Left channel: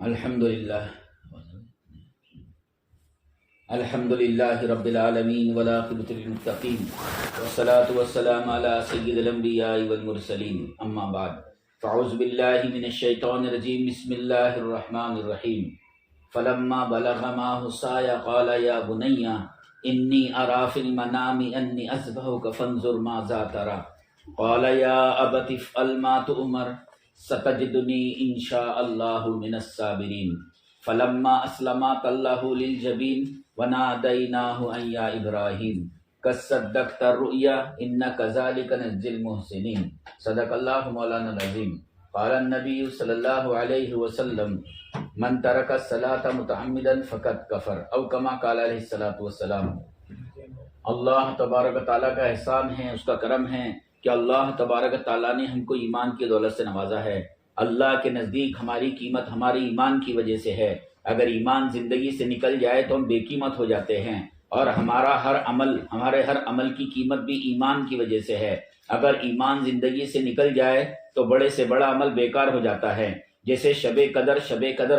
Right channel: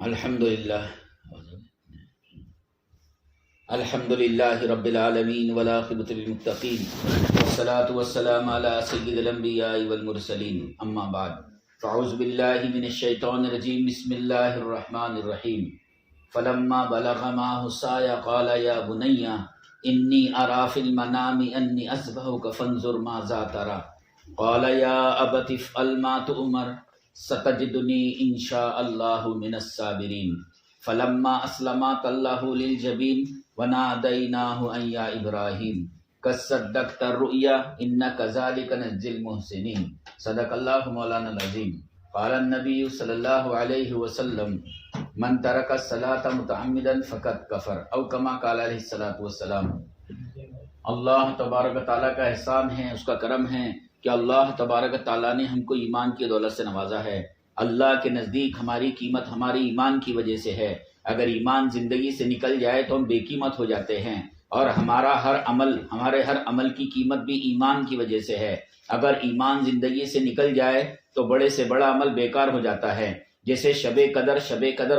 الحمدللہ رب العالمین والعاقبۃ للمتقین والصلاة والسلام علی سید الانبیاء والمرسلین اما بعد فاعوذ باللہ من الشیطان الرجیم بسم اللہ الرحمن الرحیم فلما بلغ معه السعی قال یا بنی انی اری فی المنام انی اذبحک فانظر ماذا تری قال یا ابت افعل ما تؤمر ستجدنی ان شاء اللہ من الصابرین فلما اسلما تلہ للجبین ونادیناہ ان یا ابراہیم قد صدقت الرؤیا ان کذالک نجزی المحسنین صدق اللہ مولانا العظیم قال النبی صلی اللہ علیہ وسلم من ترک الصلاة متعمدا فقد کفر او کما قال علیہ الصلاۃ والسلام۔ اللہ تبارک تعالیٰ کا احسان ہے، اس کا کرم ہے کہ اللہ تبارک تعالیٰ نے ہم کو ایمان کی دولت سے نوازا ہے۔ اللہ کے نزدیک ہماری قیمت ہمارے ایمان کی وجہ سے ہے۔ اگر ایمان زندگی سے نکل جائے تو ہم بے قیمت ہو جاتے ہیں، اور ہمارے ہر عمل کی قیمت بھی ایمان کی وجہ سے ہے۔ اگر ایمان زندگی سے نکل جائے تو بڑے سے بڑا عمل بیکار ہو جاتا ہے۔ جیسے شب قدر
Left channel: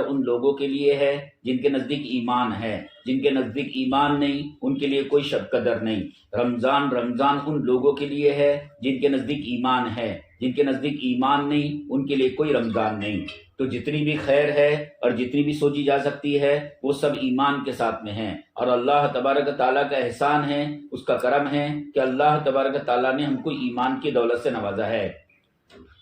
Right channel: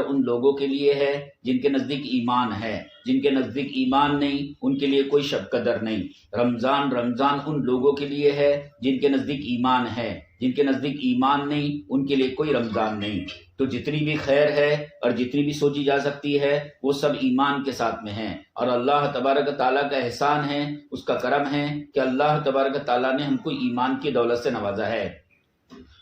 ان لوگوں کے لیے ہے جن کے نزدیک ایمان ہے، جن کے نزدیک ایمان نہیں ان کے لیے کوئی شب قدر نہیں۔ رمضان ان لوگوں کے لیے ہے جن کے نزدیک ایمان ہے، جن کے نزدیک ایمان نہیں ان کے لیے کوئی رمضان نہیں۔ تو جتنی بھی خیر ہے اور جتنی بھی سوچی جا سکتی ہے وہ سب ایمان کے ساتھ میں ہیں، اور اللہ تبارک تعالیٰ کا احسان ہے، اس کا کرم ہے کہ اللہ تبارک تعالیٰ نے ہم کو ایمان کی دولت سے نوازا ہے۔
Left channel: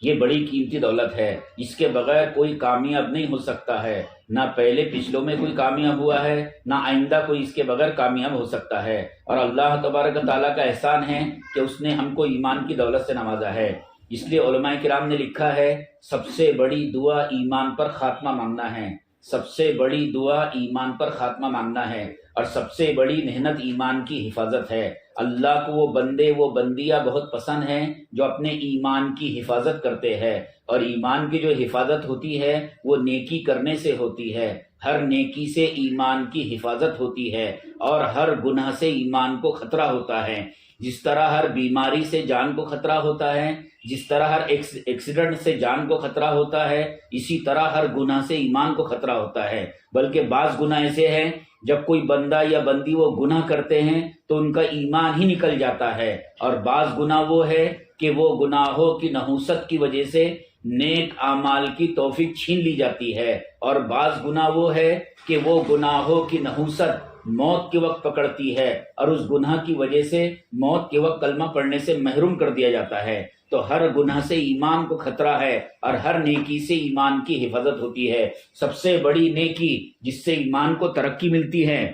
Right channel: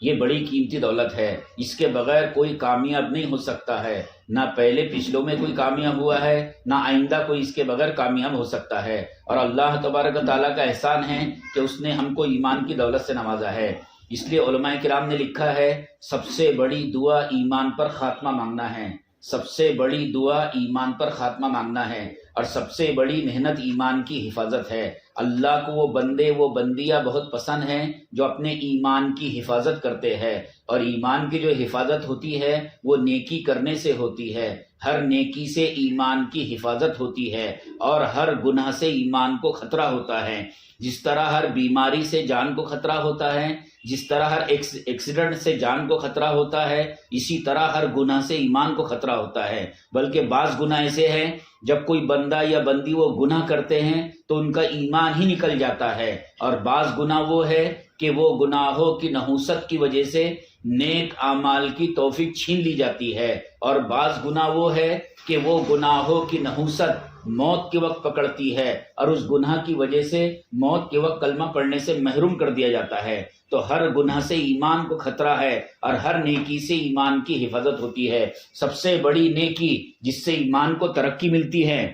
یہ بڑی قیمتی دولت ہے، اس کے بغیر کوئی کامیاب نہیں ہو سکتا ہے، نہ پہلے پچھلوں میں کوئی کامیاب ہوا ہے، نہ آئندہ کوئی اس کے بغیر کامیاب ہو سکتا ہے۔ اور اللہ تبارک تعالیٰ کا احسان ہے کہ اس نے ہم کو ایمان کی دولت سے نوازا ہے۔ اس لیے علماء کرام نے لکھا ہے سب سے بڑی دعا ایمان پر خاتمہ مانگنا ہے، سب سے بڑی دعا ایمان پر خاتمہ مانگنا ہے، اور سب سے بڑی محنت ایمان کی حفاظت ہے۔ اللہ کو وہ بندے وہ بندیاں بہت پسند ہیں جو اپنے ایمان کی حفاظت کرتے ہیں، اور ایمان کی جو حفاظت ہوتی ہے وہ نیکی کرنے سے ہوتی ہے۔ ہر نیکی سے ایمان کی حفاظت ہوتی ہے، اور ہر گناہ سے ایمان کو خطرہ ہوتا ہے۔ جس طرح ہر بیماری سے جان کو خطرہ ہوتا ہے، جس طرح ہر ایکسیڈنٹ سے جان کو خطرہ ہوتا ہے، اسی طرح ہر گناہ سے ایمان کو خطرہ ہوتا ہے۔ بلکہ بعض گناہ ایسے ہیں جب کوئی بندہ یا بندی وہ گناہ کرتے ہیں تو ان کا ایمان ہی نکل جاتا ہے، اور بعض گناہ وہ ہے کہ وہ گناہوں کی نحوست کی وجہ سے نیک اعمال کی توفیق چھین لی جاتی ہے، اور بعض گناہ وہ ہے کہ وہ گناہوں کی نحوست موت کے وقت پکڑتی ہے، اور اس گناہ کی وجہ سے موت کے وقت کلمہ پڑھنے سے محروم کر دیا جاتا ہے۔ تو ہر گناہ سے ایمان کو خطرہ ہے، اور ہر نیکی سے ایمان کی حفاظت ہوتی ہے۔ سب سے بڑی نیکی جس سے ایمان کو ترقی ملتی ہے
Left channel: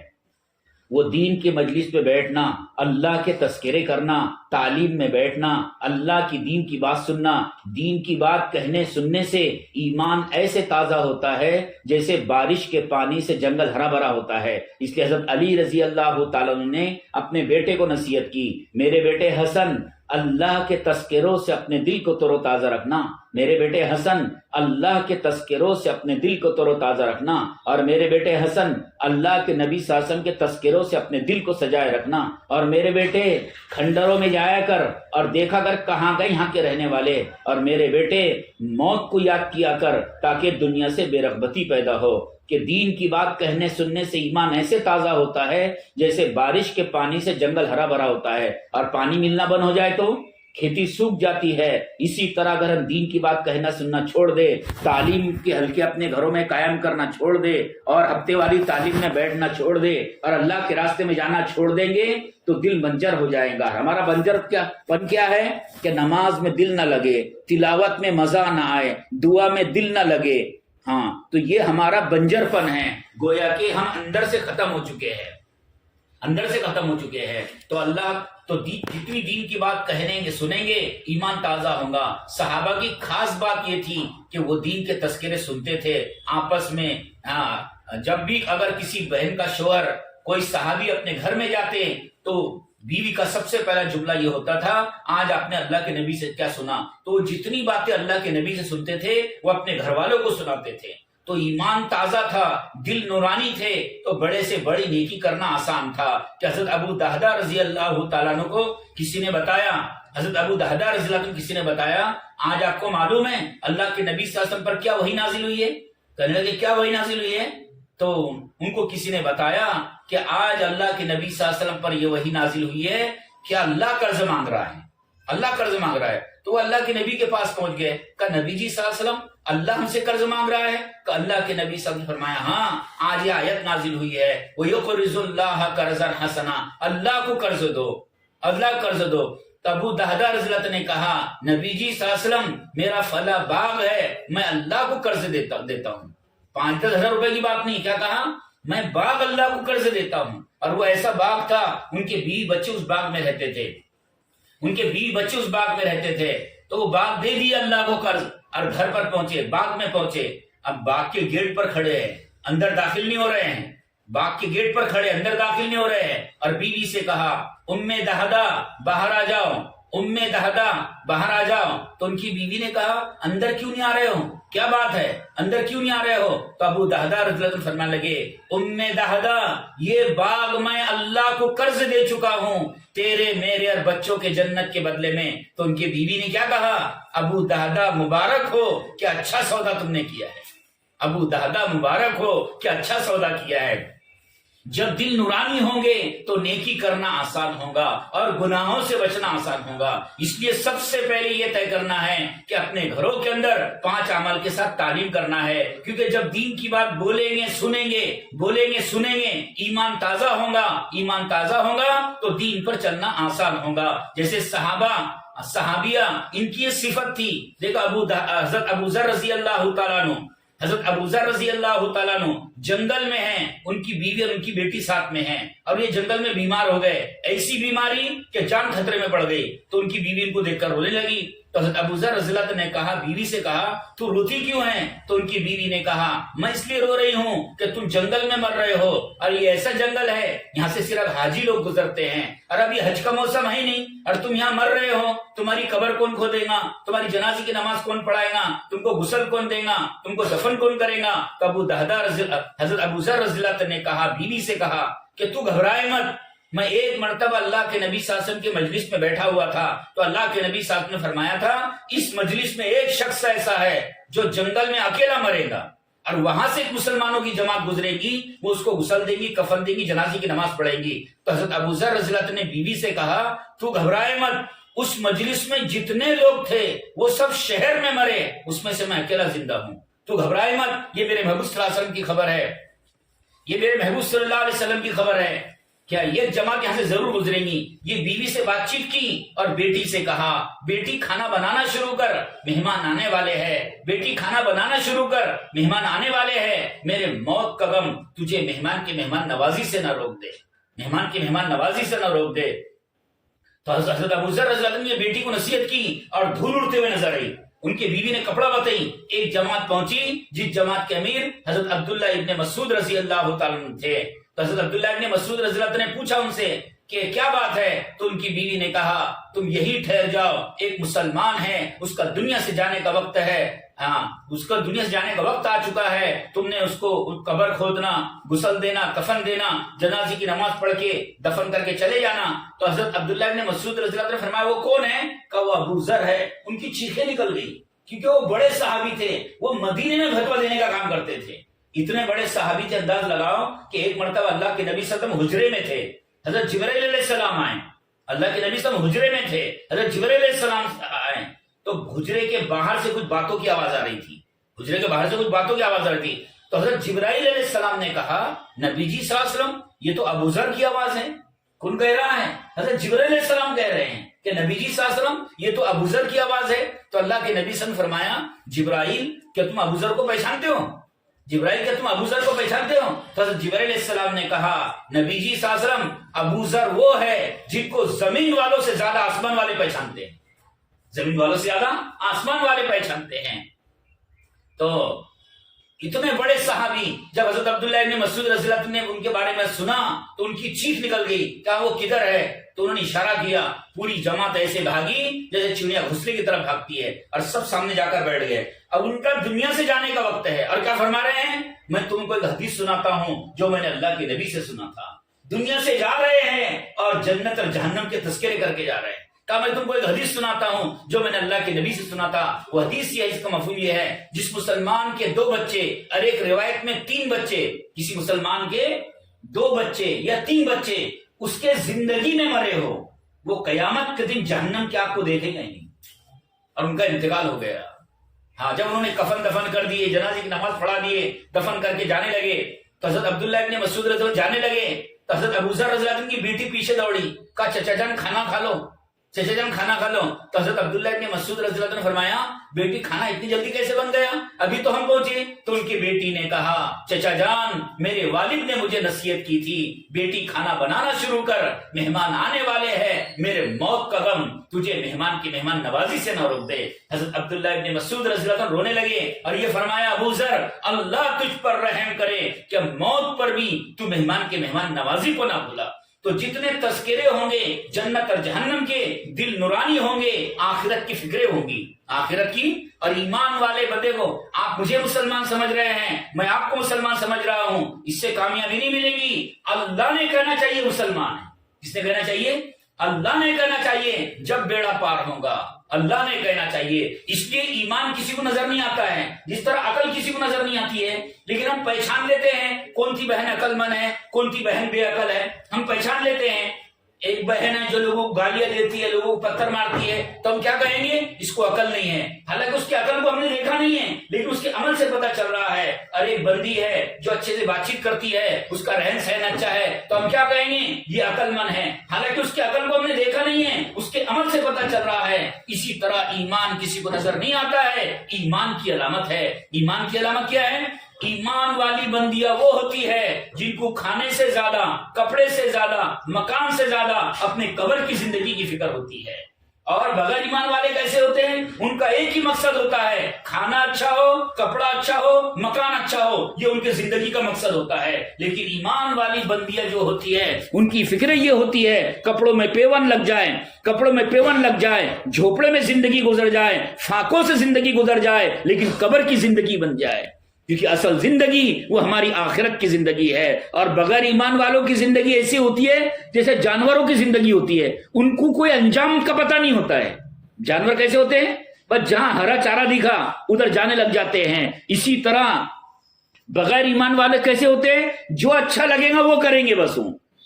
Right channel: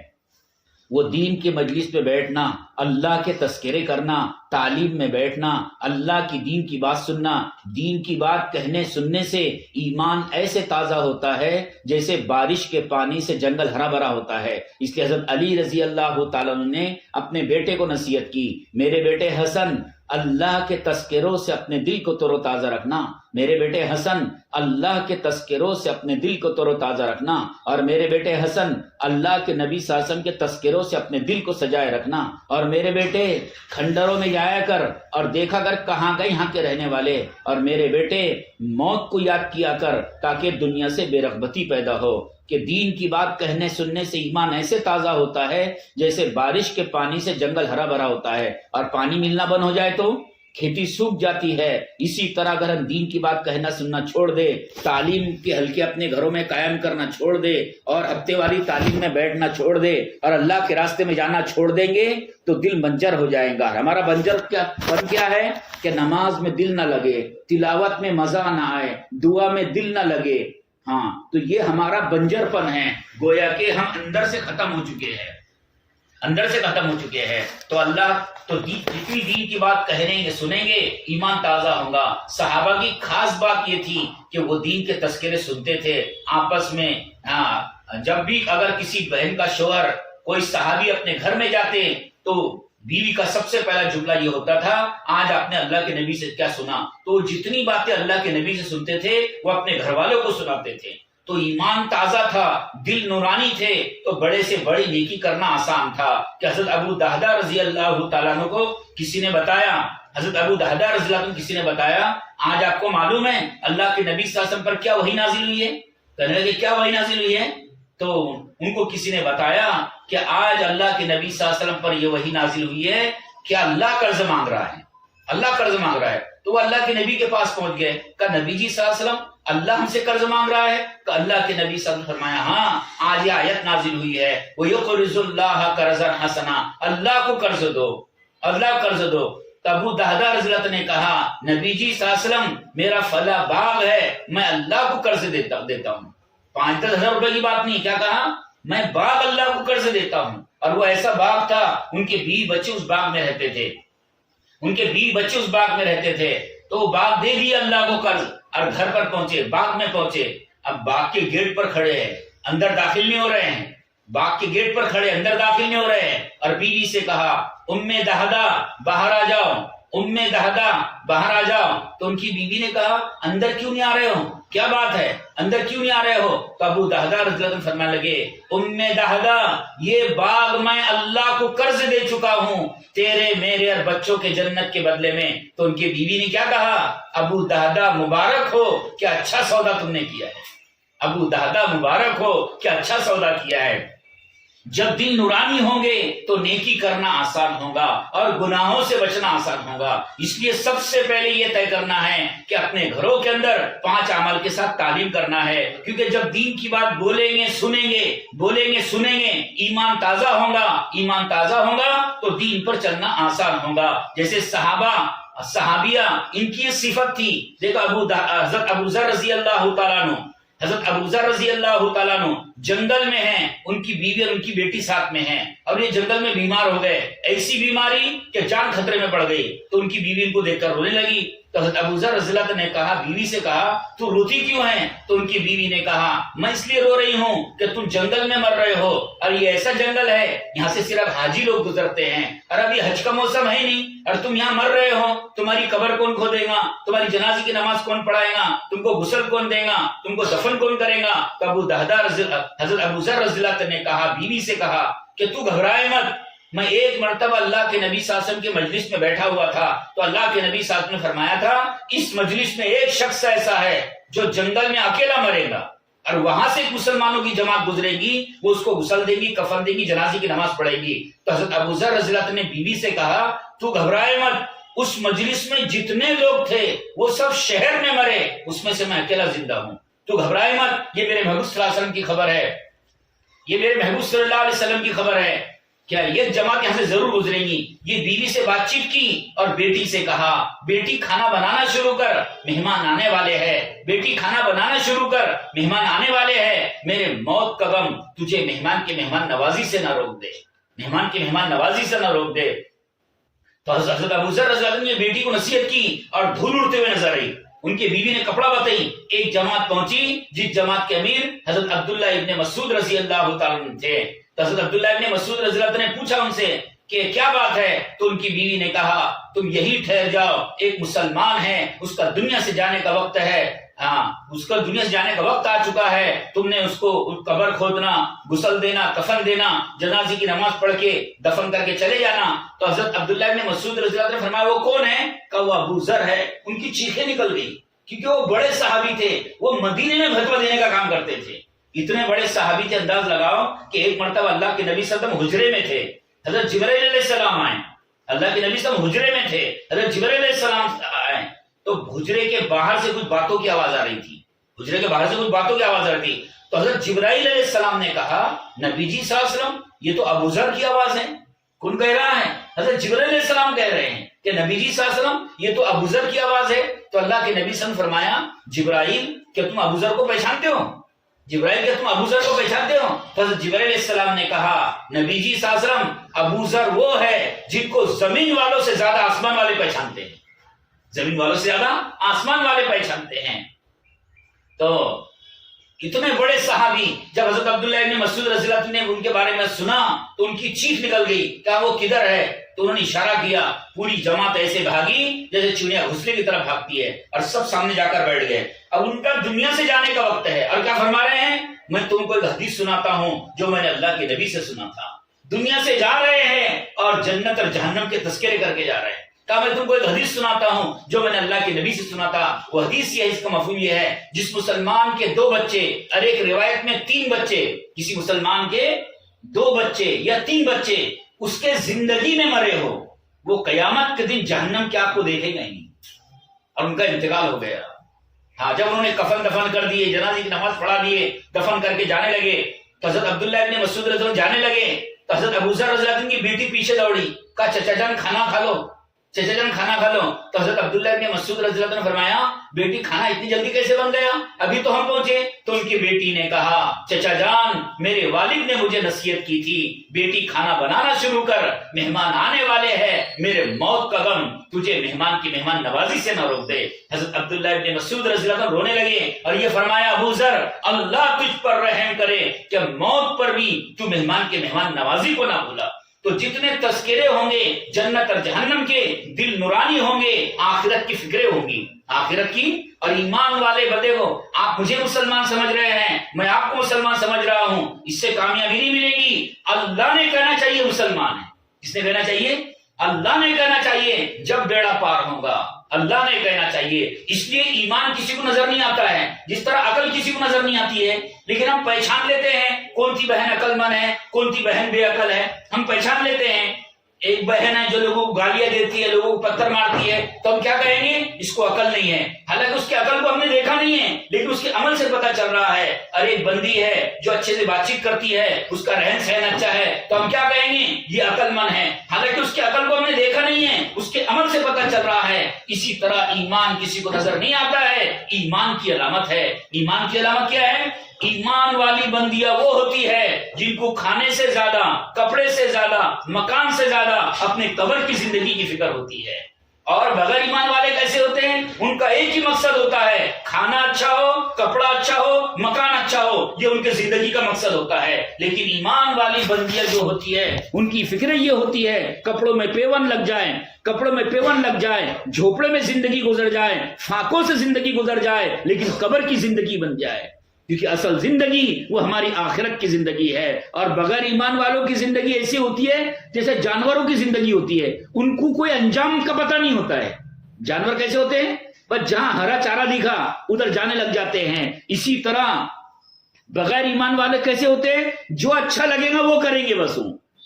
وہ دین کے مجلس پہ بیٹھنا، اللہ کے تذکرے کرنا، تعلیم میں بیٹھنا، اللہ کی دین کی بات سننا۔ دین کی بات کہنے سننے سے ایمان ایسے تازہ ہوتا ہے جیسے بارش کے پانی سے جنگل ہرا بھرا ہوتا ہے۔ اس لیے حضرت علی رضی اللہ تعالیٰ عنہ نے اپنے بیٹے کو نصیحت کی، میرے بیٹے حسن اللہ کے تذکروں سے اپنے دل کو تر و تازہ رکھنا، میرے بیٹے حسن اللہ کے تذکروں سے اپنے دل کو تر و تازہ رکھنا، اور میرے بیٹے حسن اللہ کے نبی صلی اللہ علیہ وسلم کے تذکروں سے اپنے دل کو سجائے رکھنا، اور میرے بیٹے کھنڈروں میں جایا کر اور دیکھا کر کہاں گئے یہاں کے رہنے والے، اور میرے بیٹے موت کو یاد کیا کر تاکہ دنیا سے بے رغبتی پیدا ہو۔ کہ دین کی بات کہنے سننے سے ایمان ایسے تازہ ہوتا ہے جیسے بارش کے پانی سے جنگل ہرا بھرا ہوتا ہے، اور پانی ملنا بند ہو جائے تو کھیتی سوکھ جاتی ہے۔ اسی طرح اگر ہم دین کی بات کہنا سننا چھوڑ دے، تعلیم کے حلقے اپنے گھروں میں قائم کرنا چھوڑ دے، اور ہفتے والی تعلیم میں بیٹھنا چھوڑ دے، اور اللہ کے راستے میں جانا چھوڑ دیں گے تو دل بنجر ہو جائے گا۔ ہمارا بنجر کیا ہے کہ نماز میں دل نہ لگے، تلاوت میں مزہ نہ آئے، دعا میں دل نہ لگے۔ ہاں، تو یہ ہمارا بنجر پن ہے، گویا کہ ہم اندر سے ختم ہو چکے ہیں۔ تو اللہ تو جتنی دین کی بات کہنے گے سنیں گے ایمان تازہ ہوگا۔ صحابہ کی خاص بات یہ تھی کہ وہ دین کے تذکرے سنتے تھے آپس میں۔ جب بھی اگر کسی بہن کا شوہر کوئی صحابی اپنے گھر میں جاتے تو بیوی کا سب سے پہلا جملہ یہ ہوتا تھا، آج آپ نے اللہ کے نبی سے کیا سنا؟ تو جتنی باتیں اللہ کے نبی سے سنتے تھے وہ اپنے گھر والوں کو سناتے تھے۔ تو ایمان تازہ تھا، دل نورانی تھے، تو بڑے سے بڑی نیکی کرنا آسان تھا۔ کہ حضرت ابو دہدہ رضی اللہ تعالیٰ عنہ کو کسی نے بتایا، آج آپ کو معلوم ہے اللہ کے نبی صلی اللہ علیہ وسلم پر کیا وحی نازل ہوئی ہے؟ کہنے لگے کیا وحی نازل ہوئی ہے؟ تو ان کو کسی نے بتایا کہ آج اللہ کے نبی صلی اللہ علیہ وسلم پر یہ وحی نازل ہوئی ہے کہ اللہ قرض مانگ رہا ہے، اللہ قرض مانگ رہا ہے۔ تو وہ اللہ کے نبی کے پاس پہنچ گئے، کہا نبی جی صلی اللہ علیہ وسلم اللہ ہم سے قرض مانگ رہا ہے؟ کہ اللہ کے نبی صلی اللہ علیہ وسلم نے فرمایا ہاں آج یہ آیت نازل ہوئی ہے وَيُقْرِضُ اللَّهَ قَرْضًا حَسَنًا، اللہ کو قرض دو، اللہ قرض دو۔ تو ابو دہدہ رضی اللہ عنہ نے کہا نبی جی صلی اللہ علیہ وسلم میرا فلاں باغ ہے، میں اللہ کو قرض دیتا ہوں، 5-10 ہزار روپے کی بات نہیں، کیا کہا میں باغ اللہ کو قرض دیتا ہوں۔ اور وہ ایسا باغ تھا ان کے بیوی بچے اس باغ میں رہتے تھے، ان کے بیوی بچے اس باغ میں رہتے تھے، تو وہ باغ دے دیا اللہ کو قرض، اور گھر پر پہنچے، باغ میں پہنچے، اب باغ کے گیٹ پر کھڑے ہیں، اندر داخل نہیں ہو رہے ہیں، باغ کے گیٹ پر کھڑے اندر داخل نہیں ہو رہے ہیں، اور بیوی سے کہا ام دہدہ باہر آ جاؤ، ام دہدہ باہر آ جاؤ۔ تو ان کی بیوی نے کہا اندر کیوں نہیں آ رہے ہو، کیا بات ہے اندر کیوں نہیں آ رہے ہو؟ تو ابو دہدہ رضی اللہ عنہ فرمانے لگے ام دہدہ یہ باغ میں اللہ کو قرض دے چکا ہوں تیرے میرے اور بچوں کے جنت کے بدلے میں۔ تو ان کی بیوی نے کیا کہا ابو دہدہ مبارک ہو کہ اچھا سودا تم نے کیا ہے، ابو دہدہ مبارک ہو کہ اچھا سودا کیا ہے۔ جب دل نورانی ہوں گے تو نیکی کرنا آسان ہوگا اور گناہوں سے بچنا آسان ہوگا۔ اس لیے سب سے پہلے یہ طے کرنا ہے کہ اپنے گھروں کے اندر 5 اعمال کے ساتھ تعلیم کرنا ہے، کیونکہ جب دین کی بات بولیں گے سنیں گے ایمان تازہ ہوگا تو دین پر چلنا آسان ہوگا۔ جیسے صحابیہ ان کی یہ صفت تھی، دیکھو حضرت ابو ذر رضی اللہ تعالیٰ عنہ، حضرت ابو ذر رضی اللہ تعالیٰ عنہ جنگل میں ہیں، ان کی بیوی اور ان کی بیٹی ساتھ میں ہیں، اور یہ جنگل میں بیمار ہو گئے، ایسی بیماری کہ جان خطرے میں پڑ گئی۔ تو ان کی بیوی ان کو دیکھ کر رونے لگی، تو حضرت ابو ذر رضی اللہ عنہ نے کہا بیوی سے کہا تو روتی کیوں ہے؟ تو ان کی بیوی نے کہا میں اس لیے رو رہی ہوں کہ تم جنگل میں مر رہے ہو، اور یہ ایسا جنگل ہے یہاں سے صرف حاجی لوگ گزرتے ہیں، اور ابھی حج کا موسم ہے نہیں، اور تم یہاں مر رہے ہو، تمہاری قبر کون کھودے گا، تمہاری جنازے کی نماز کون پڑھائے گا، تم کو غسل کون دے گا، تم کو دفن کون کرے گا؟ تو حضرت ابو ذر رضی اللہ عنہ نے کہا بیوی سے کہا کہ تو گھبرائے مت، میں ایک مرتبہ اللہ کے نبی صلی اللہ علیہ وسلم کے مجلس میں بیٹھا ہوا تھا، تو اللہ کے نبی صلی اللہ علیہ وسلم نے فرمایا تھا اس مجلس میں ایک شخص ایسا ہے جو جنگل میں اکیلا مرے گا، اور وہاں سے مسلمانوں کی جماعت گزرے گی، وہ اس کو غسل دے گی، کفن دے گی، جنازے کی نماز پڑھے گی۔ تو حضرت ابو ذر رضی اللہ عنہ نے بیوی سے کہا تو گھبرائے مت، اس مجلس میں جتنے لوگ تھے وہ سب شہر میں مرے، اس میں سے میں اکیلا زندہ ہوں، تو گھبرائے مت، یہ میرے محبوب صلی اللہ علیہ وسلم کی خبر ہے، یہ میرے محبوب صلی اللہ علیہ وسلم کی خبر ہے، کیا یہ جماعت یہاں سے ضرور گزریں گی۔ یہ بیوی سے بات چیت کی اور بیٹی سے کہا بیٹی کھانا بنانا شروع کر، مہمان آنے والے ہیں، بیٹی کھانا بنانا شروع کر، مہمان آنے والے ہیں، میرے موت کا غم تجھے مہمان کے مہمان نوازی سے نہ روک دے، مہمان کے مہمان نوازی سے نہ روک دے۔ تو حضرت ابو ذر رضی اللہ عنہ نے بیٹی کو نصیحت کی اور دھول اڑتے ہوئے نظر آئی، ان کی بیوی نے کپڑا بتائی، ایک جماعت پہنچی جس جماعت کے امیر حضرت عبداللہ ابن مسعود رضی اللہ تعالیٰ عنہ تھے۔ تو حضرت عبداللہ ابن مسعود رضی اللہ عنہ نے پوچھا ان سے کہ کیا بات ہے؟ تو ان کی بیوی نے کہا تم یہی ٹھہر جاؤ، ایک مسلمان ہے، اس کا دنیا سے جانے کا وقت ہے، اس کا دنیا سے جانے کا وقت آ چکا ہے، تم نے اس کو قبر کھودنا، غسل دینا، کفن دینا، جنازے کی نماز پڑھ کے دفن کر کے چلے جانا۔ تو حضرت عبداللہ ابن مسعود رضی اللہ عنہ نے فرمایا وہ کون ہے؟ کہ وہ ابو ذر ہے۔ ان کی چیخیں نکل گئی کیونکہ وہ بڑے صحابی تھے، وہ مدینے میں فتویٰ دینے کا کام کرتے تھے، اتنے بڑے صحابی تھے، انداز لگاؤ کہ ایک مرتبہ اللہ کے نبی صلی اللہ علیہ وسلم حجرے میں تھے، حضرت جبرائیل علیہ السلام آئے، اللہ کے نبی صلی اللہ علیہ وسلم حجرے میں تھے، حضرت جبرائیل علیہ السلام آئے، تو حجرے کے باہر سے کچھ باتوں کی آواز آ رہی تھی، حجرے کے باہر سے کچھ باتوں کی آواز آ رہی تھی۔ تو حضرت جبرائیل علیہ السلام نے کہا نبی جی صلی اللہ علیہ وسلم یہ تو ابو ذر کی آواز ہے، کون کہہ رہا ہے؟ حضرت جبرائیل علیہ السلام کہہ رہے ہیں کہ نبی جی صلی اللہ علیہ وسلم یہ تو ابو ذر کی آواز ہے۔ تو اللہ کے نبی صلی اللہ علیہ وسلم فرمایا جبرائیل کیا تم ابو ذر کو پہچانتے ہو؟ جبرائیل کیا تم ابو ذر کو پہچانتے ہو؟ تو حضرت جبرائیل علیہ السلام نے کہا نبی جی صلی اللہ علیہ وسلم ابو ذر وہ ہے جن کو زمین والوں سے زیادہ آسمان والے پہچانتے ہیں، زمین والوں سے زیادہ آسمان والے پہچانتے ہیں۔ تو اتنے بڑے صحابی جب حضرت عبداللہ ابن مسعود رضی اللہ عنہ نے ان کے بارے میں سنا تو ان کی چیخ نکل گئی کہ وہ کدھر ہے؟ تو انہوں نے اشارہ کیا، پوری جماعت ایسے بھاگی جیسے چڑیا گھسلے کی طرف بھاگتی ہے، اور سب سامنے جا کر بیٹھ گئے۔ اب ان کا دنیا سے جانے کا وقت ہے، اور کیا فرما رہے ہیں؟ میں تم کو ایک حدیث سناتا ہوں جو میں نے اللہ کے نبی سے سنا تھا۔ دنیا سے جا رہے ہیں اور جنت اور جہنم کے تذکرے کر کے جا رہے ہیں، کہا میں تم کو ایک حدیث سناتا ہوں جو میں نے اللہ کے نبی سے سنا تھا. وہ حدیث یہ ہے، اس کا مفہوم یہ ہے، جس مسلمان کے 2 بچے اور ایک روایت میں 3 بچے، کسی مسلمان کے 2 بچے یا 3 بچے اس کے زندگی میں مرے ہو، وہ قیامت کے دن جہنم کے آپ کو دیکھے گا نہیں. اور ان کا انتقال ہو گیا. ہاں، جب انہوں نے کفن دفن کر دیے، جنازے کی نماز پڑھا دیے، دفن کر کے جانے لگے تو حضرت عبداللہ ابن مسعود رضی اللہ عنہ جانے لگے تو حضرت ابو ذر رضی اللہ عنہ کی بیٹی پیچھے دوڑی، کہا چچا جان کھانا کھا لو، چچا جان کھانا کھا لو. تو حضرت عبداللہ ابن مسعود رضی اللہ عنہ نے فرمایا بیٹی کھانا اتنی جلدی کیسے بن گیا، ابھی تو ہم پہنچے. تو ان کی بیٹی نے کہا چچا جان میرے والد نے مجھے نصیحت کی تھی بیٹی کھانا بنانا شروع کر، مہمان آنے والے ہیں، میرے موت کا غم تجھے مہمان کی مہمان نوازی سے نہ روک دے. حضرت عبداللہ ابن مسعود رضی اللہ عنہ رونے لگے اور یہ فرمایا ابو ذر اللہ تجھ پر رحم کرے کہ موت پر بھی تو مہمان کے مہمان نوازی کو نہ بھولا. تو جتنے تذکرے ہوں گے جنت اور جہنم کے، دل نورانی ہوں گے، آخرت کی فکریں ہوں گی، آخرت کی. اور ایمان والے بندے کو آپ مجھے مسلمان سمجھ رہے ہیں، میں آپ کو مسلمان سمجھ رہا ہوں، اس سے کامیابی نہیں ملے گی. اللہ نے کہنا چاہیے مسلمان ہے. کس نے کہنا چاہیے؟ اللہ نے کہنا چاہیے. جب بیڑا پار ہوگا اللہ نے کہنا چاہیے. اس لیے ایمان کسی کو نظر نہیں آتا ہے، جس طرح عقل کسی کو نظر نہیں آتی ہے، لیکن ہم پہچان لیتے ہیں کون سی بہن عقل مند ہے، کون سی بہن بے عقل ہے. ہم پہچان لیتے ہیں. ایک بہن ہے جو لوگوں کو گالیاں دیتی ہے، لوگوں کو پتھر مارتی ہے، تو ہم کیا کہیں گے؟ اس کو عقل نہیں ہے. حالانکہ اس کی عقل کو ہم نے دیکھا نہیں ہے، لیکن اس کے عمل سے پتہ چل رہا ہے. اور ایک بندی ہے جو اچھے سے بات چیت کرتی ہے، اس کا رہن سہن اچھا ہے، تو ہم کیا کہیں گے؟ یہ عقل مند ہے. حالانکہ اس کی عقل کو ہم نے دیکھا نہیں ہے، اس کے عمل سے پتہ چل رہا ہے. اسی طرح ایمان کسی کو نظر نہیں آتا ہے، ایمان کی علامت ہے. ایمان کی علامت کیا ہے؟ ایمان والی بندیاں وہ ہوتی ہے جن کو کھانے سے زیادہ، کپڑے سے زیادہ، مکان سے زیادہ اپنے قبر کی زندگی کی فکر ہوتی ہے. اور بغیر ایمان والے کیسے ہوتے ہیں؟ ان کا ایک ہی مقصد ہوتا ہے، کھانا اچھا ہو، کپڑا اچھا ہو، مکان اچھا ہو، یہ ان کے زندگی کا مقصد ہوتا ہے. لیکن ایمان والی بندیاں جو ہوتی ہے ان کی فکر یہ ہوتی ہے کپڑوں میں پیون لگ جائے، کپڑوں میں پیون لگ جائے، جھوپڑے میں زندگی گزر جائے، فاقوں سے زندگی گزر جائے، لیکن قبر کی زندگی بن جائے. کیونکہ اصل زندگی وہ ہماری آخرت کی زندگی ہے. اور بغیر ایمان والوں کی زندگی ایسی ہوتی ہے جیسے جانوروں کی زندگی ہوتی ہے، ان کو کوئی انجام کا پتہ نہیں ہوتا ہے. جانور کیسے ہوتے ہیں؟ بس جہاں ہرا چارہ دکھا ادھر جانے لگ جاتے ہیں. اسی طرح بغیر ایمان والے کیسے ہوتے ہیں؟ جو اچھا لگے گا وہ کریں گے، بس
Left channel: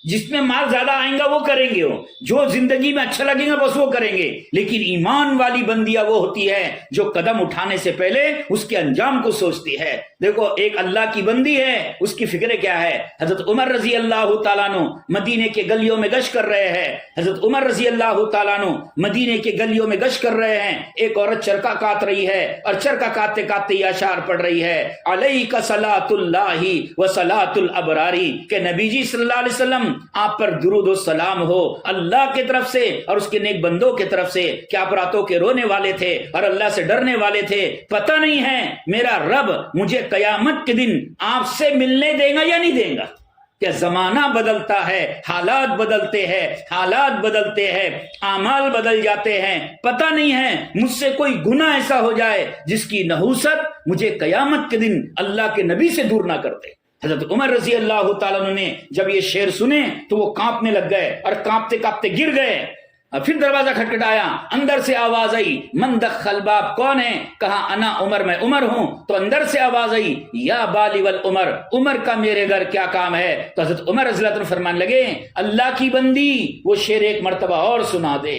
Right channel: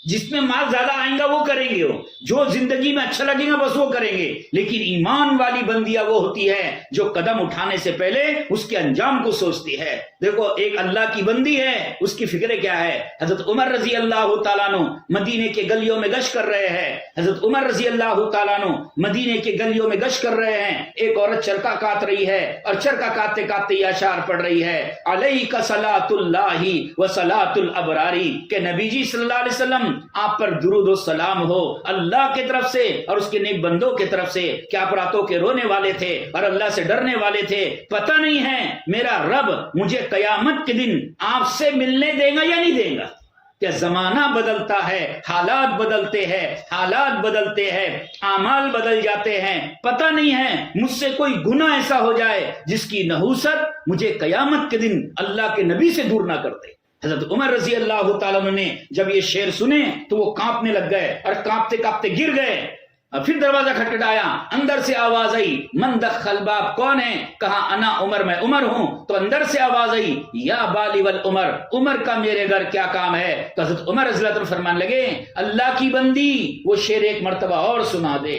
جس میں مال زیادہ آئیں گا وہ کریں گے، جو زندگی میں اچھا لگے گا بس وہ کریں گے. لیکن ایمان والی بندیاں وہ ہوتی ہے جو قدم اٹھانے سے پہلے اس کے انجام کو سوچتی ہے. دیکھو ایک اللہ کی بندی ہے، اس کی فکر کیا ہے؟ حضرت عمر رضی اللہ تعالیٰ عنہ مدینے کے گلیوں میں گشت کر رہے ہیں. حضرت عمر رضی اللہ تعالیٰ عنہ مدینے کے گلیوں میں گشت کر رہے ہیں. ایک عورت چرکا کاٹ رہی ہے اور چرکا کاٹتے کاٹتے یہ اشعار پڑھ رہی ہے، علیک صلاۃ اللہ و صلاۃ الابرار، کہ نبی جی صلی اللہ علیہ وسلم آپ پر درود و سلام ہو اللہ کی طرف سے اور اس کے نیک بندوں کی طرف سے کہ آپ راتوں کے رونے والے تھے اور اللہ سے ڈرنے والے تھے. پتہ نہیں ہے میرا رب مجھے قیامت کے دن آپ سے ملنے دے گا یا نہیں دے گا. کہ زمانہ بدلتا ہے، حالات بدلتے ہیں، حالات بدلتے ہیں، اعمال بدل جاتے ہیں. پتہ نہیں ہے مجھ سے کوئی گناہ ایسا ہو جائے جس کی نحوست مجھے قیامت کے دن اللہ کے نبی سے دور نہ کرتے. حضرت عمر رضی اللہ تعالیٰ عنہ نے جب یہ شعر سنے تو وہ کانپنے لگ گئے اور کانپتے کانپتے گر گئے. اور پھر دروازہ کھٹکھٹایا، اندر سے آواز آئی، من دخل باب، کون ہے؟ کہا انا عمر، میں عمر ہوں. تو اندر سے آواز آئی، یا بالی والعمر، عمر کا میرے گھر کیا کام ہے؟ تو حضرت عمر رضی اللہ عنہ فرمان لگے اللہ کی بندی وہ شعر ایک مرتبہ اور سنا دے.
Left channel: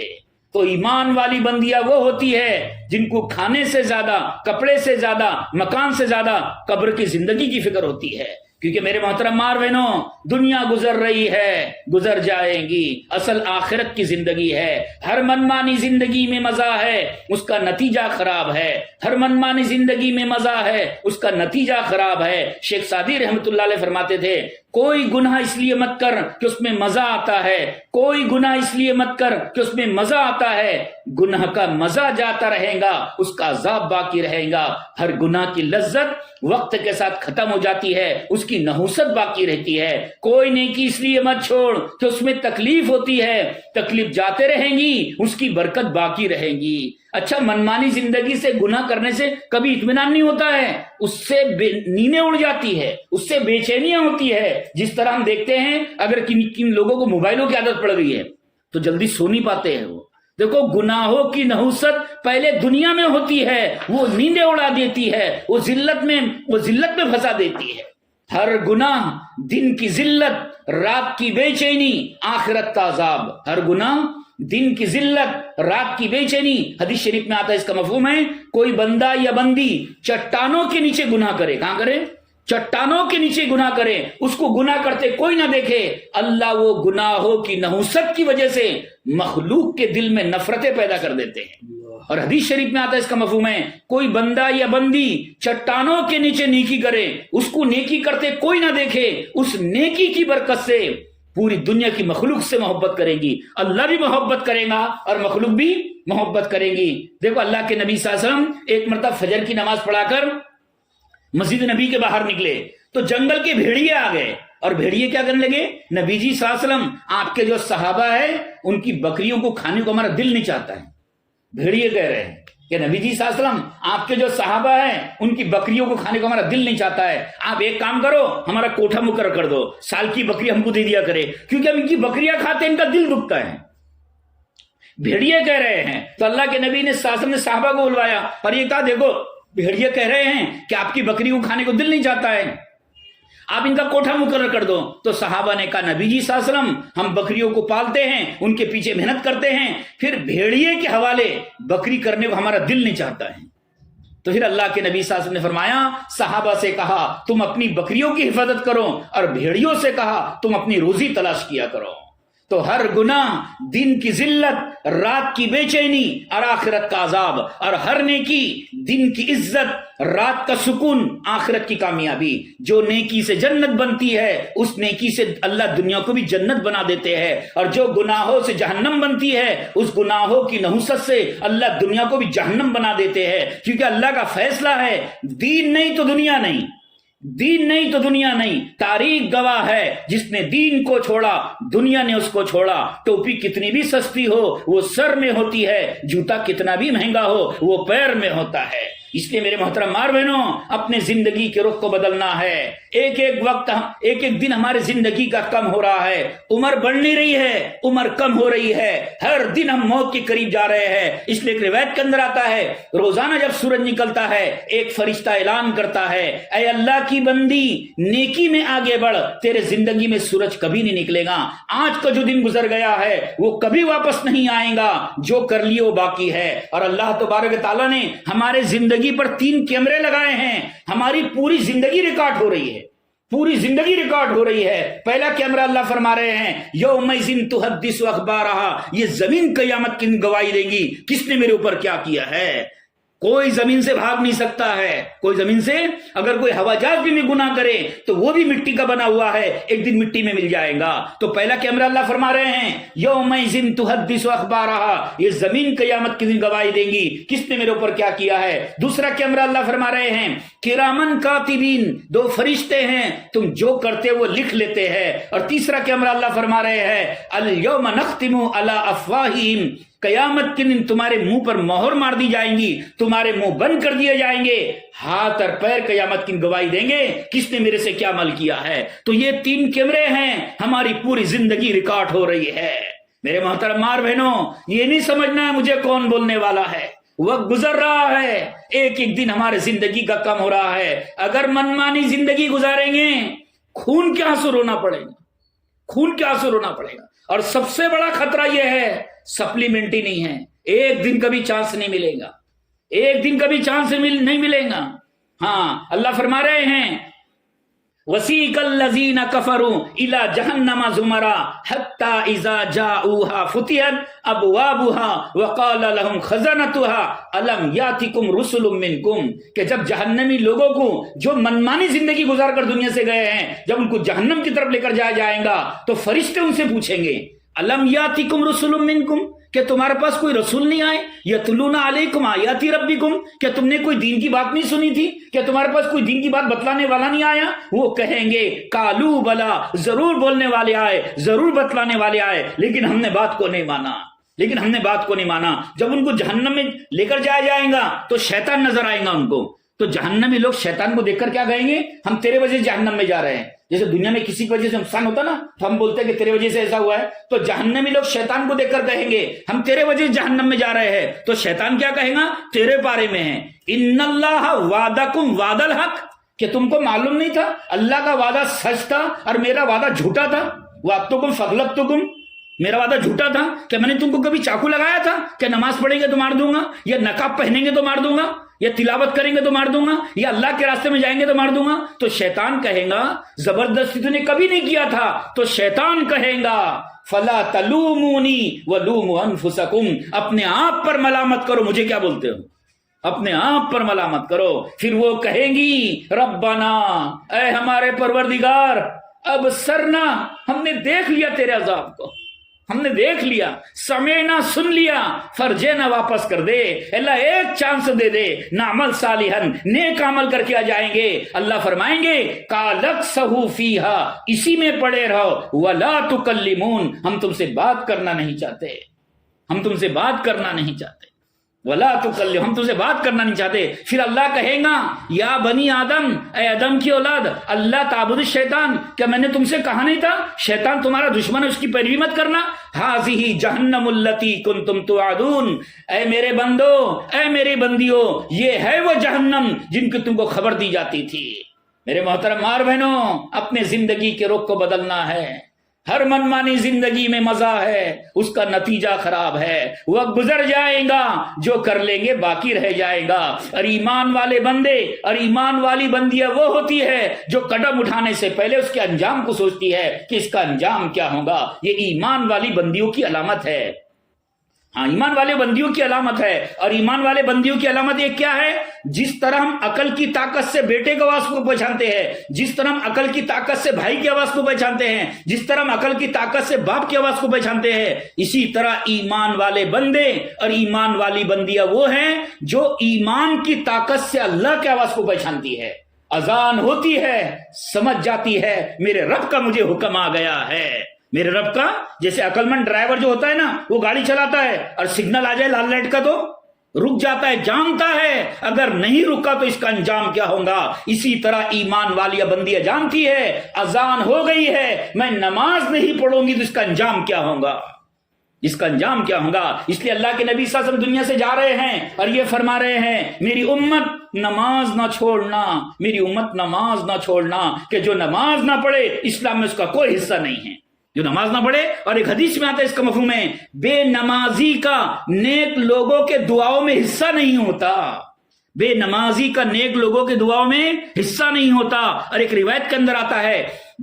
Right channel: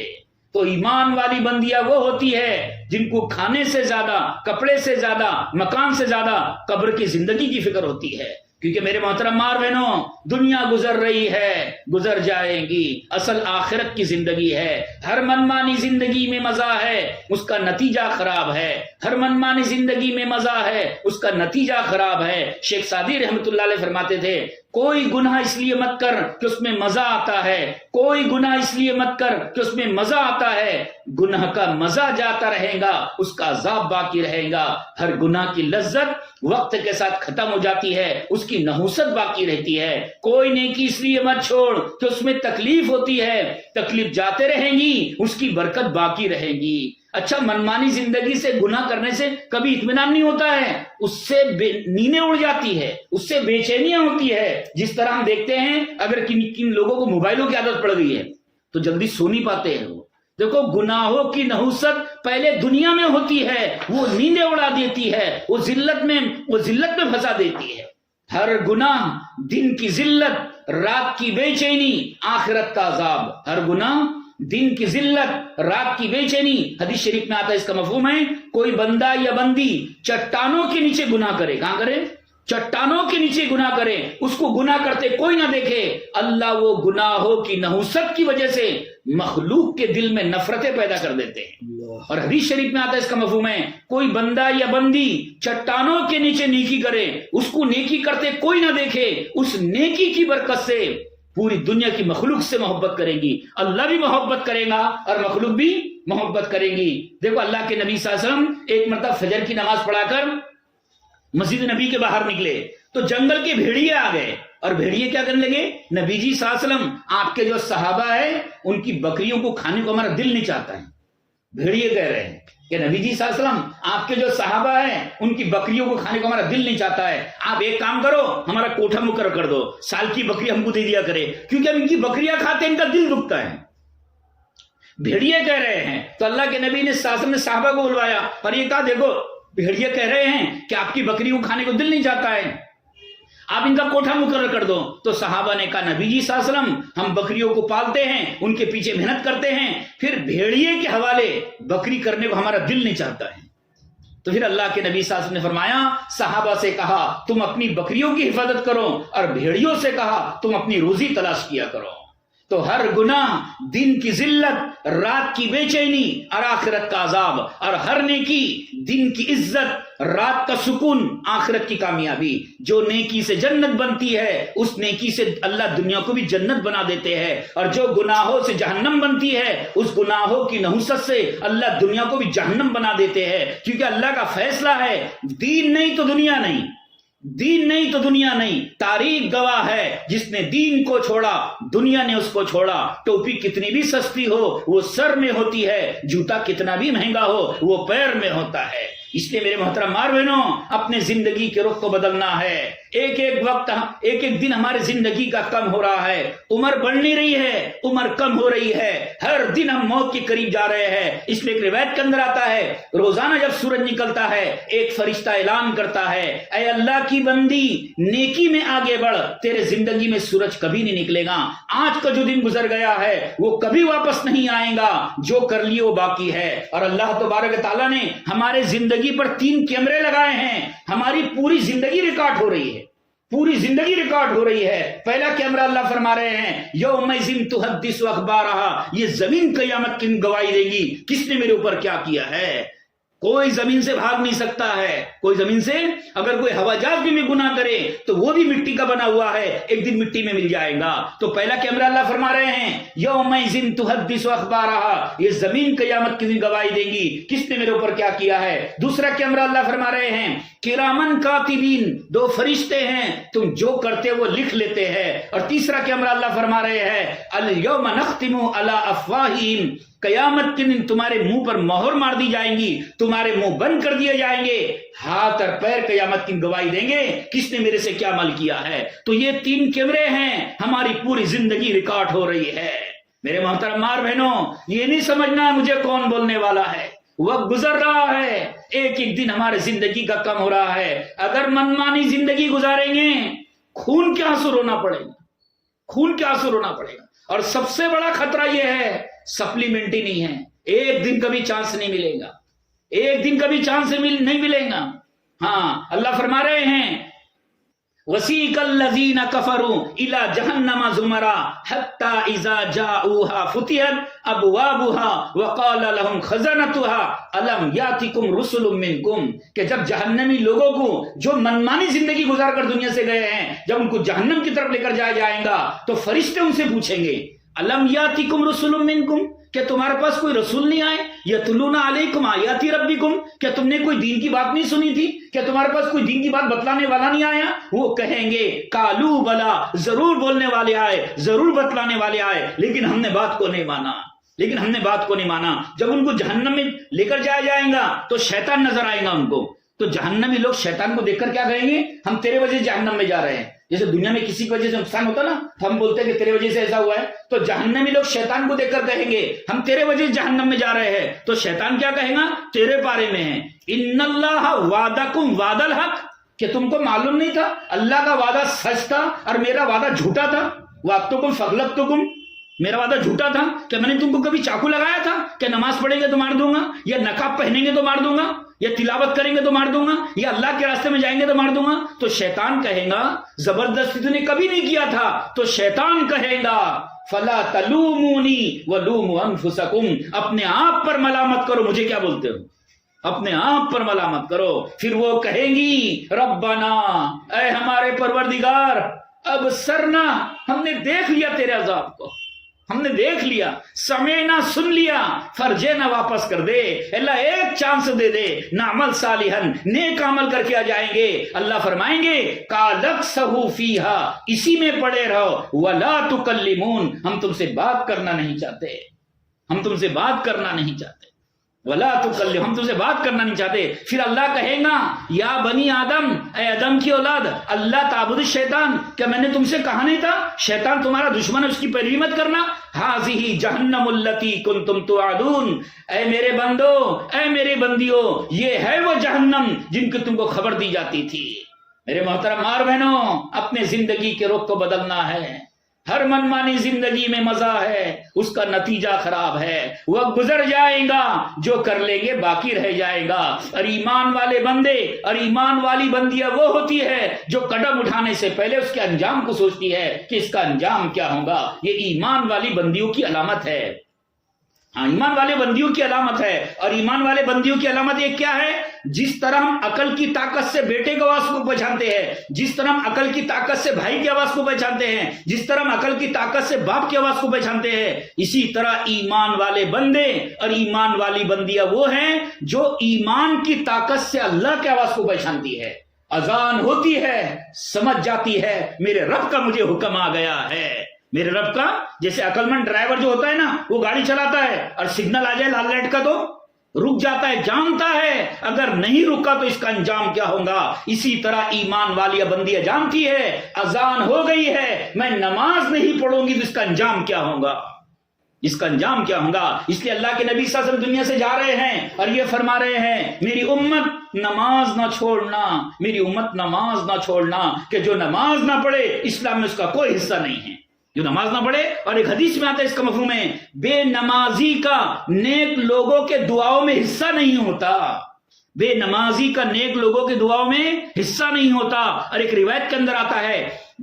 تو ایمان والی بندیاں وہ ہوتی ہے جن کو کھانے سے زیادہ، کپڑے سے زیادہ، مکان سے زیادہ قبر کی زندگی کی فکر ہوتی ہے. کیونکہ میرے محترم ماں بہنوں، دنیا گزر رہی ہے، گزر جائے گی، اصل آخرت کی زندگی ہے. ہر منمانی زندگی میں مزہ ہے، اس کا نتیجہ خراب ہے. ہر منمانی زندگی میں مزہ ہے، اس کا نتیجہ خراب ہے. شیخ سعدی رحمۃ اللہ علیہ فرماتے تھے کوئی گناہ اس لیے مت کر کہ اس میں مزہ آتا ہے، کوئی گناہ اس لیے مت کر کہ اس میں مزہ آتا ہے. گناہ کا مزہ جاتا رہے گا، اس کا عذاب باقی رہے گا. ہر گناہ کی لذت وقت کے ساتھ ختم ہو جاتی ہے، اس کی نحوست باقی رہتی ہے. کوئی نیکی اس لیے مت چھوڑ کہ اس میں تکلیف ہوتی ہے، تکلیف جاتے رہیں گی، اس کی برکت باقی رہے گی. اچھا، منمانی زندگی سے گناہ کرنے سے کبھی اطمینان نہیں ہوتا ہے، اس سے نیندیں اڑ جاتی ہے، اس سے بے چینیاں ہوتی ہے. جس طرح ہم دیکھتے ہیں اگر کن لوگوں کو موبائلوں کی عادت پڑ گئی ہے تو جلدی سو نہیں پاتے ہیں. وہ دیکھو گناہوں کی نحوست پہلے دنیا میں ہوتی ہے، وہ نیندیں اڑا دیتی ہے، وہ ذلت میں پھنسا دیتی ہے۔ ہر گناہ دن کی ذلت، رات کی بے چینی، آخرت کا عذاب۔ ہر گناہ دن کی ذلت، رات کی بے چینی۔ حدیث شریف میں آتا ہے، اس کا مفہوم ہے کوئی بندہ یا بندی چٹانوں کے نیچے گناہ کرے، کہاں کرے؟ چٹانوں کے نیچے گناہ کرے، اس کو گناہ کرتے کوئی نہ دیکھے، اللہ وہ گناہوں کی نحوست کی وجہ سے مخلوق کے دل میں نفرتیں پیدا کر دیتے ہیں۔ اور حدیث شریف میں آتا ہے، اس کا مفہوم ہے کوئی بندہ یا بندی چٹانوں کے نیچے نیکی کرے، اس کو نیکی کرتے کوئی نہ دیکھے، اس نیکی کی برکت سے پوری دنیا کی مخلوق سے محبت کرے گی، اللہ بھی محبت کرے گا اور مخلوق بھی محبت کرے گی۔ دیکھو اللہ کے نبی صلی اللہ علیہ وسلم ایک مرتبہ فجر کی نماز پڑھا کر مسجد نبی کے باہر نکلے تو جنگل کے بھیڑیے آ گئے، اور بھیڑیے کیا کرنے لگے؟ نبی جی صلی اللہ علیہ وسلم، آپ کے جو صحابہ ہیں ان کی بکریوں کو کھانے کو ہمارا دل نہیں چاہتا ہے۔ بھیڑیے کہہ رہے ہیں کہ نبی جی صلی اللہ علیہ وسلم، آپ کے جو صحابہ ہیں ان کی بکریوں کو کھانے کو ہمارا دل نہیں چاہتا ہے، آپ ایک کام کرو، ہمارا کوٹھا مقرر کر دو، سال کی بکری ہم کو دے دیا کرے، کیونکہ اب ان کی بکریاں کھاتے ان کا دل دکھتا ہے۔ بھیڑیے کہہ رہے ہیں تو اللہ کے نبی نے صلی اللہ علیہ وسلم نے صحابہ کو بلوایا اور یہ کہا، دیکھو بھیڑیے کہہ رہے ہیں کہ آپ کی بکری کو کھانے کو دل نہیں چاہتا ہے، آپ ان کا کوٹھا مقرر کر دو۔ تو صحابہ نے کہا، نبی جی صلی اللہ علیہ وسلم، ہم بکریوں کو پالتے ہیں، ان کے پیچھے محنت کرتے ہیں، پھر بھیڑیے کے حوالے بکری کرنے کو ہمارا دل نہیں چاہتا ہے۔ تو پھر اللہ کے نبی صلی اللہ علیہ وسلم نے فرمایا، صحابہ سے کہا تم اپنی بکریوں کی حفاظت کرو، اور بھیڑیوں سے کہا تم اپنی روزی تلاش کیا کرو۔ تو ہر گناہ دن کی ذلت، رات کی بے چینی اور آخرت کا عذاب، اور ہر نیکی دن کی عزت، رات کا سکون، آخرت کی کامیابی۔ جو نیکی سے جنت بنتی ہے اس نیکی سے اللہ دنیا کو بھی جنت بنا دیتے ہیں، اور جو گناہوں سے جہنم بنتی ہے اس گناہوں کی نحوست سے اللہ دنیا کو بھی جہنم بنا دیتے ہیں، کیونکہ اللہ کا فیصلہ ہے دین نہیں تو دنیا نہیں، دین نہیں تو دنیا نہیں۔ تاریخ گواہ ہے، جس نے دین کو چھوڑا دنیا نے اس کو چھوڑا۔ ٹوپی کتنی بھی سستی ہو وہ سر میں ہوتی ہے، جوتا کتنا بھی مہنگا ہو وہ پیر میں ہوتا ہے۔ اس لیے میرے محترم ماں بہنوں، اپنے زندگی کے رخ کو بدلنا ہے۔ ایک ایک وقت، ایک ایک دن ہمارے زندگی کا کم ہو رہا ہے، عمر بڑھ نہیں رہی ہے، عمر کم ہو رہی ہے، ہر دن ہم موت کے قریب جا رہے ہیں۔ اس لیے ایک روایت کے اندر آتا ہے، روزانہ جب سورج نکلتا ہے ایک فرشتہ اعلان کرتا ہے، اے اللہ کی بندی نیکی میں آگے بڑھ، تیرے زندگی میں سورج کبھی نہیں نکلے گا، آج کا جو دن گزر گیا ہے وہ کبھی واپس نہیں آئے گا، جو کر لیے وہ باقی ہے۔ اور اللہ تبارک و تعالیٰ نے ہمارے زندگی پر 3 کیمرے لگائے ہیں، ہماری پوری زندگی ریکارڈ ہو رہی ہے، پوری زندگی ریکارڈ ہو رہی ہے۔ پہلا کیمرہ اللہ فرما رہے ہیں، یومئذ تحدث اخبارہا، یہ زمین قیامت کی گواہی دے گی کس نے میرے اوپر کیا کیا ہے۔ کوئی زمین سے بھاگ نہیں سکتا ہے، کوئی زمین سے، اگر کوئی ہوا جہاز بھی گناہ کرے تو وہ بھی مٹی کا بنا ہوا ہے، ایک دن مٹی میں مل جائے گا۔ تو پہلا کیمرہ اللہ فرما رہے ہیں، یومئذ تحدث اخبارہا، یہ زمین قیامت کی دن گواہی دے گی کس نے میرے اوپر کیا کیا ہے۔ دوسرا کیمرہ اللہ فرما رہے ہیں، کرامن کاتبین، 2 فرشتے ہیں، تم جو کرتے وہ لکھ لیتے ہیں۔ اور تیسرا کیمرہ اللہ فرما رہے ہیں، الیوم نختم علی افواہہم، قیامت کے دن تمہارے منہ پر مہر مار دی جائیں گی، تمہارے منہ بند کر دیے جائیں گے، ہاتھ اور پیر قیامت کی گواہی دیں گے کس نے میرے سے کیا عمل کیا ہے۔ تو یہ 3 کیمرے ہیں، ہماری پوری زندگی ریکارڈ ہو رہی ہے۔ میرے محترم ماں بہنوں، یہ نہیں سمجھنا مجھے کون بولنے والا ہے، وقت گزر رہا ہے، ایک ایک دن ہمارے زندگی کا کم ہو رہا ہے۔ اگر منمانی زندگی گزاریں گے خون کے آنسو رونا پڑے گا، خون کے آنسو رونا پڑے گا۔ اور سب سے بڑا خطرہ یہ ہے، سپلیمنٹ ہی نہیں ہے، ایک دن کبھی چانس نہیں ملے گا، ایک دن کبھی چانس نہیں ملے گا۔ ہاں اللہ فرما رہے ہیں، وَسِيقَ الَّذِينَ كَفَرُوا إِلَى جَهَنَّمَ زُمَرًا حَتَّى إِذَا جَاءُوهَا فُتِحَتْ أَبْوَابُهَا وَقَالَ لَهُمْ خَزَنَتُهَا أَلَمْ يَأْتِكُمْ رُسُلٌ مِّنكُمْ، کہ جب جہنمی لوگوں کو جو منمانی زندگی گزار کر دنیا سے گئے ہیں، جب ان کو جہنم کی طرف لے کر جایا جائے گا تو فرشتے ان سے پوچھیں گے، أَلَمْ يَأْتِكُمْ رُسُلٌ مِّنكُمْ، کہ تمہارے پاس کوئی رسول نہیں آئے، یتلون علیکم آیات ربکم، کیا تم نے کوئی دین کی بات نہیں سنی تھی، کیا تمہارے پاس کوئی دین کی بات بتلانے والا نہیں آیا؟ وہ کہیں گے قالوا بلا، ضرور بولنے والے آئے، ضرور بتلانے والے آئے، لیکن ہم نے بات کو نہیں مانا، لیکن ہم نے بات کو نہیں مانا۔ جب ان کو جہنم میں لے کر جایا جائے گا تو شیطان نظر آئے گا ان کو، تو جہنمی لوگ شیطان کو دیکھ کر کیا کہیں گے، ہم تیرے وجہ سے جہنم میں جا رہے ہیں، جیسے دنیا میں کسی کی وجہ سے نقصان ہوتا نا تو ہم بولتے ہیں کہ تیرے وجہ سے ایسا ہوا ہے، تو جہنمی لوگ شیطان کو دیکھ کر کہیں گے ہم تیرے وجہ سے جہنم میں جا رہے ہیں، تو شیطان کیا کہے گا؟ تیرے بارے میں ہے ان اللہ وعدکم وعد الحق، کہ تم کو معلوم نہیں تھا اللہ کا وعدہ سچ تھا اور میرا وعدہ جھوٹا تھا؟ وعدتکم فغلقتکم، میرا وعدہ جھوٹا تھا، کہ میں نے تم کو کبھی چاقو لگایا تھا کہ نماز پڑھیں گے تو مار دوں گا، یا نقاب پہنیں گے تو مار دوں گا، یا تلاوت کریں گے تو مار دوں گا، یا اللہ کے راستے میں جائیں گے تو مار دوں گا؟ تو شیطان کہے گا زبردستی تو نے کبھی نہیں کیا تھا، تو شیطان کہے گا فلا تلومونی ولوموا انفسکم، اپنے آپ پر ملامت کرو، مجھے کیا بولتے ہو، اپنے آپ پر ملامت کرو۔ پھر وہ کہیں گی ربنا، اے ہمارے پروردگار، اب سرنا، ہم نے دیکھ لیا تیرے عذاب کو، ہم نے دیکھ لیا، سمعنا، سن لیا، فرجنا، واپس کر دے، اللہ ایک چانس دے دے، نعمل صالحن، نیک عمل کر کے آ جائیں گے۔ اللہ فرمائیں گے قالکسہو فیہا، اسی میں پڑے رہو، ولا تکلمون، ہم تم سے بات کرنا نہیں چاہتے، ہم تم سے بات کرنا نہیں چاہتے، ولا تکلم، ہم تم سے بات کرنا نہیں چاہتے۔ پھر اللہ کہے گا یا بنی آدم، اے آدم کی اولاد، اللہ تعبد الشیطان، کیا میں نے تم سے کہا نہیں تھا شیطان تمہارا دشمن ہے، اس کی پیروی مت کرنا؟ ہذہ جہنم التی کنتم توعدون، اے میرے بندو، اے میری بندیوں، یہ ہے وہ جہنم جن کی تم کو خبر دی جاتی تھی۔ میرے محترم ماں بہنوں، اپنے زندگی کے رخ کو بدلنا ہے۔ ہر منمانی زندگی میں مزہ ہے، اس کا نتیجہ خراب ہے، وقت گزر جائے گا، جو کر لیں گے باقی رہ جائے گا۔ اور ایمان والے بندے اور ایمان والی بندیاں وہ ہوتی ہے جو قدم اٹھانے سے پہلے اس کے انجام کو سوچتی ہے کہ اس کا انجام کیا ہوگا۔ یہ ایمان والی بندیوں کی علامت ہے، ہاں ایمان والے بندیوں کی علامت ہے۔ اور ایمان والے بندیوں کی علامت یہ کیا ہے؟ جس طرح ہم عقل کی طاقت سے بیٹے کی آواز کو پہچانتے ہیں، جس طرح ہم عقل کی طاقت سے بھائی کی آواز کو پہچانتے ہیں، جس طرح ہم عقل کی طاقت سے باپ کی آواز کو پہچانتے ہیں، اسی طرح ایمان والے بندے اور ایمان والی بندیاں وہ ہیں جو ایمان کی طاقت سے اللہ کی آواز کو پہچانتی ہے۔ اذان ہوتی ہے، سمجھ جاتی ہے میرے رب کا مجھے حکم آ گیا ہے، میرے رب کا۔ جیسے عقل مند ڈرائیور جو ہوتا ہے نا، وہ گاڑی چلاتا ہے اور سگنل آ جائے لال لائٹ کا تو رک جاتا ہے، جانتا ہے اگر نہیں رکا تو اس کا انجام کیا ہوگا۔ اسی طرح ایمان والی بندیاں جانتی ہے اذان ہو گئی ہے، میں نماز نہیں پڑھوں گی تو اس کا انجام کیا ہوگا، اس کا انجام کیا ہوگا۔ اس لیے اللہ کے نبی صلی اللہ علیہ وسلم دنیا سے جا رہے ہیں اور یہ فرما رہے ہیں میری امت نماز نہ چھوڑنا، میری امت نماز نہ چھوڑنا، کہ جو نماز نہ پڑھے اسلام میں اس کا کوئی حصہ نہیں ہے، جو نماز نہ پڑھے۔ اور ایک حدیث میں آتا ہے اس کا مفہوم ہے بے نمازی کا نیک لوگوں کے دعاؤں میں حصہ نہیں ہوتا، بے نمازی کا نیک لوگوں کے دعاؤں میں حصہ نہیں ہوتا۔ اور ایک روایت کے اندر آتا ہے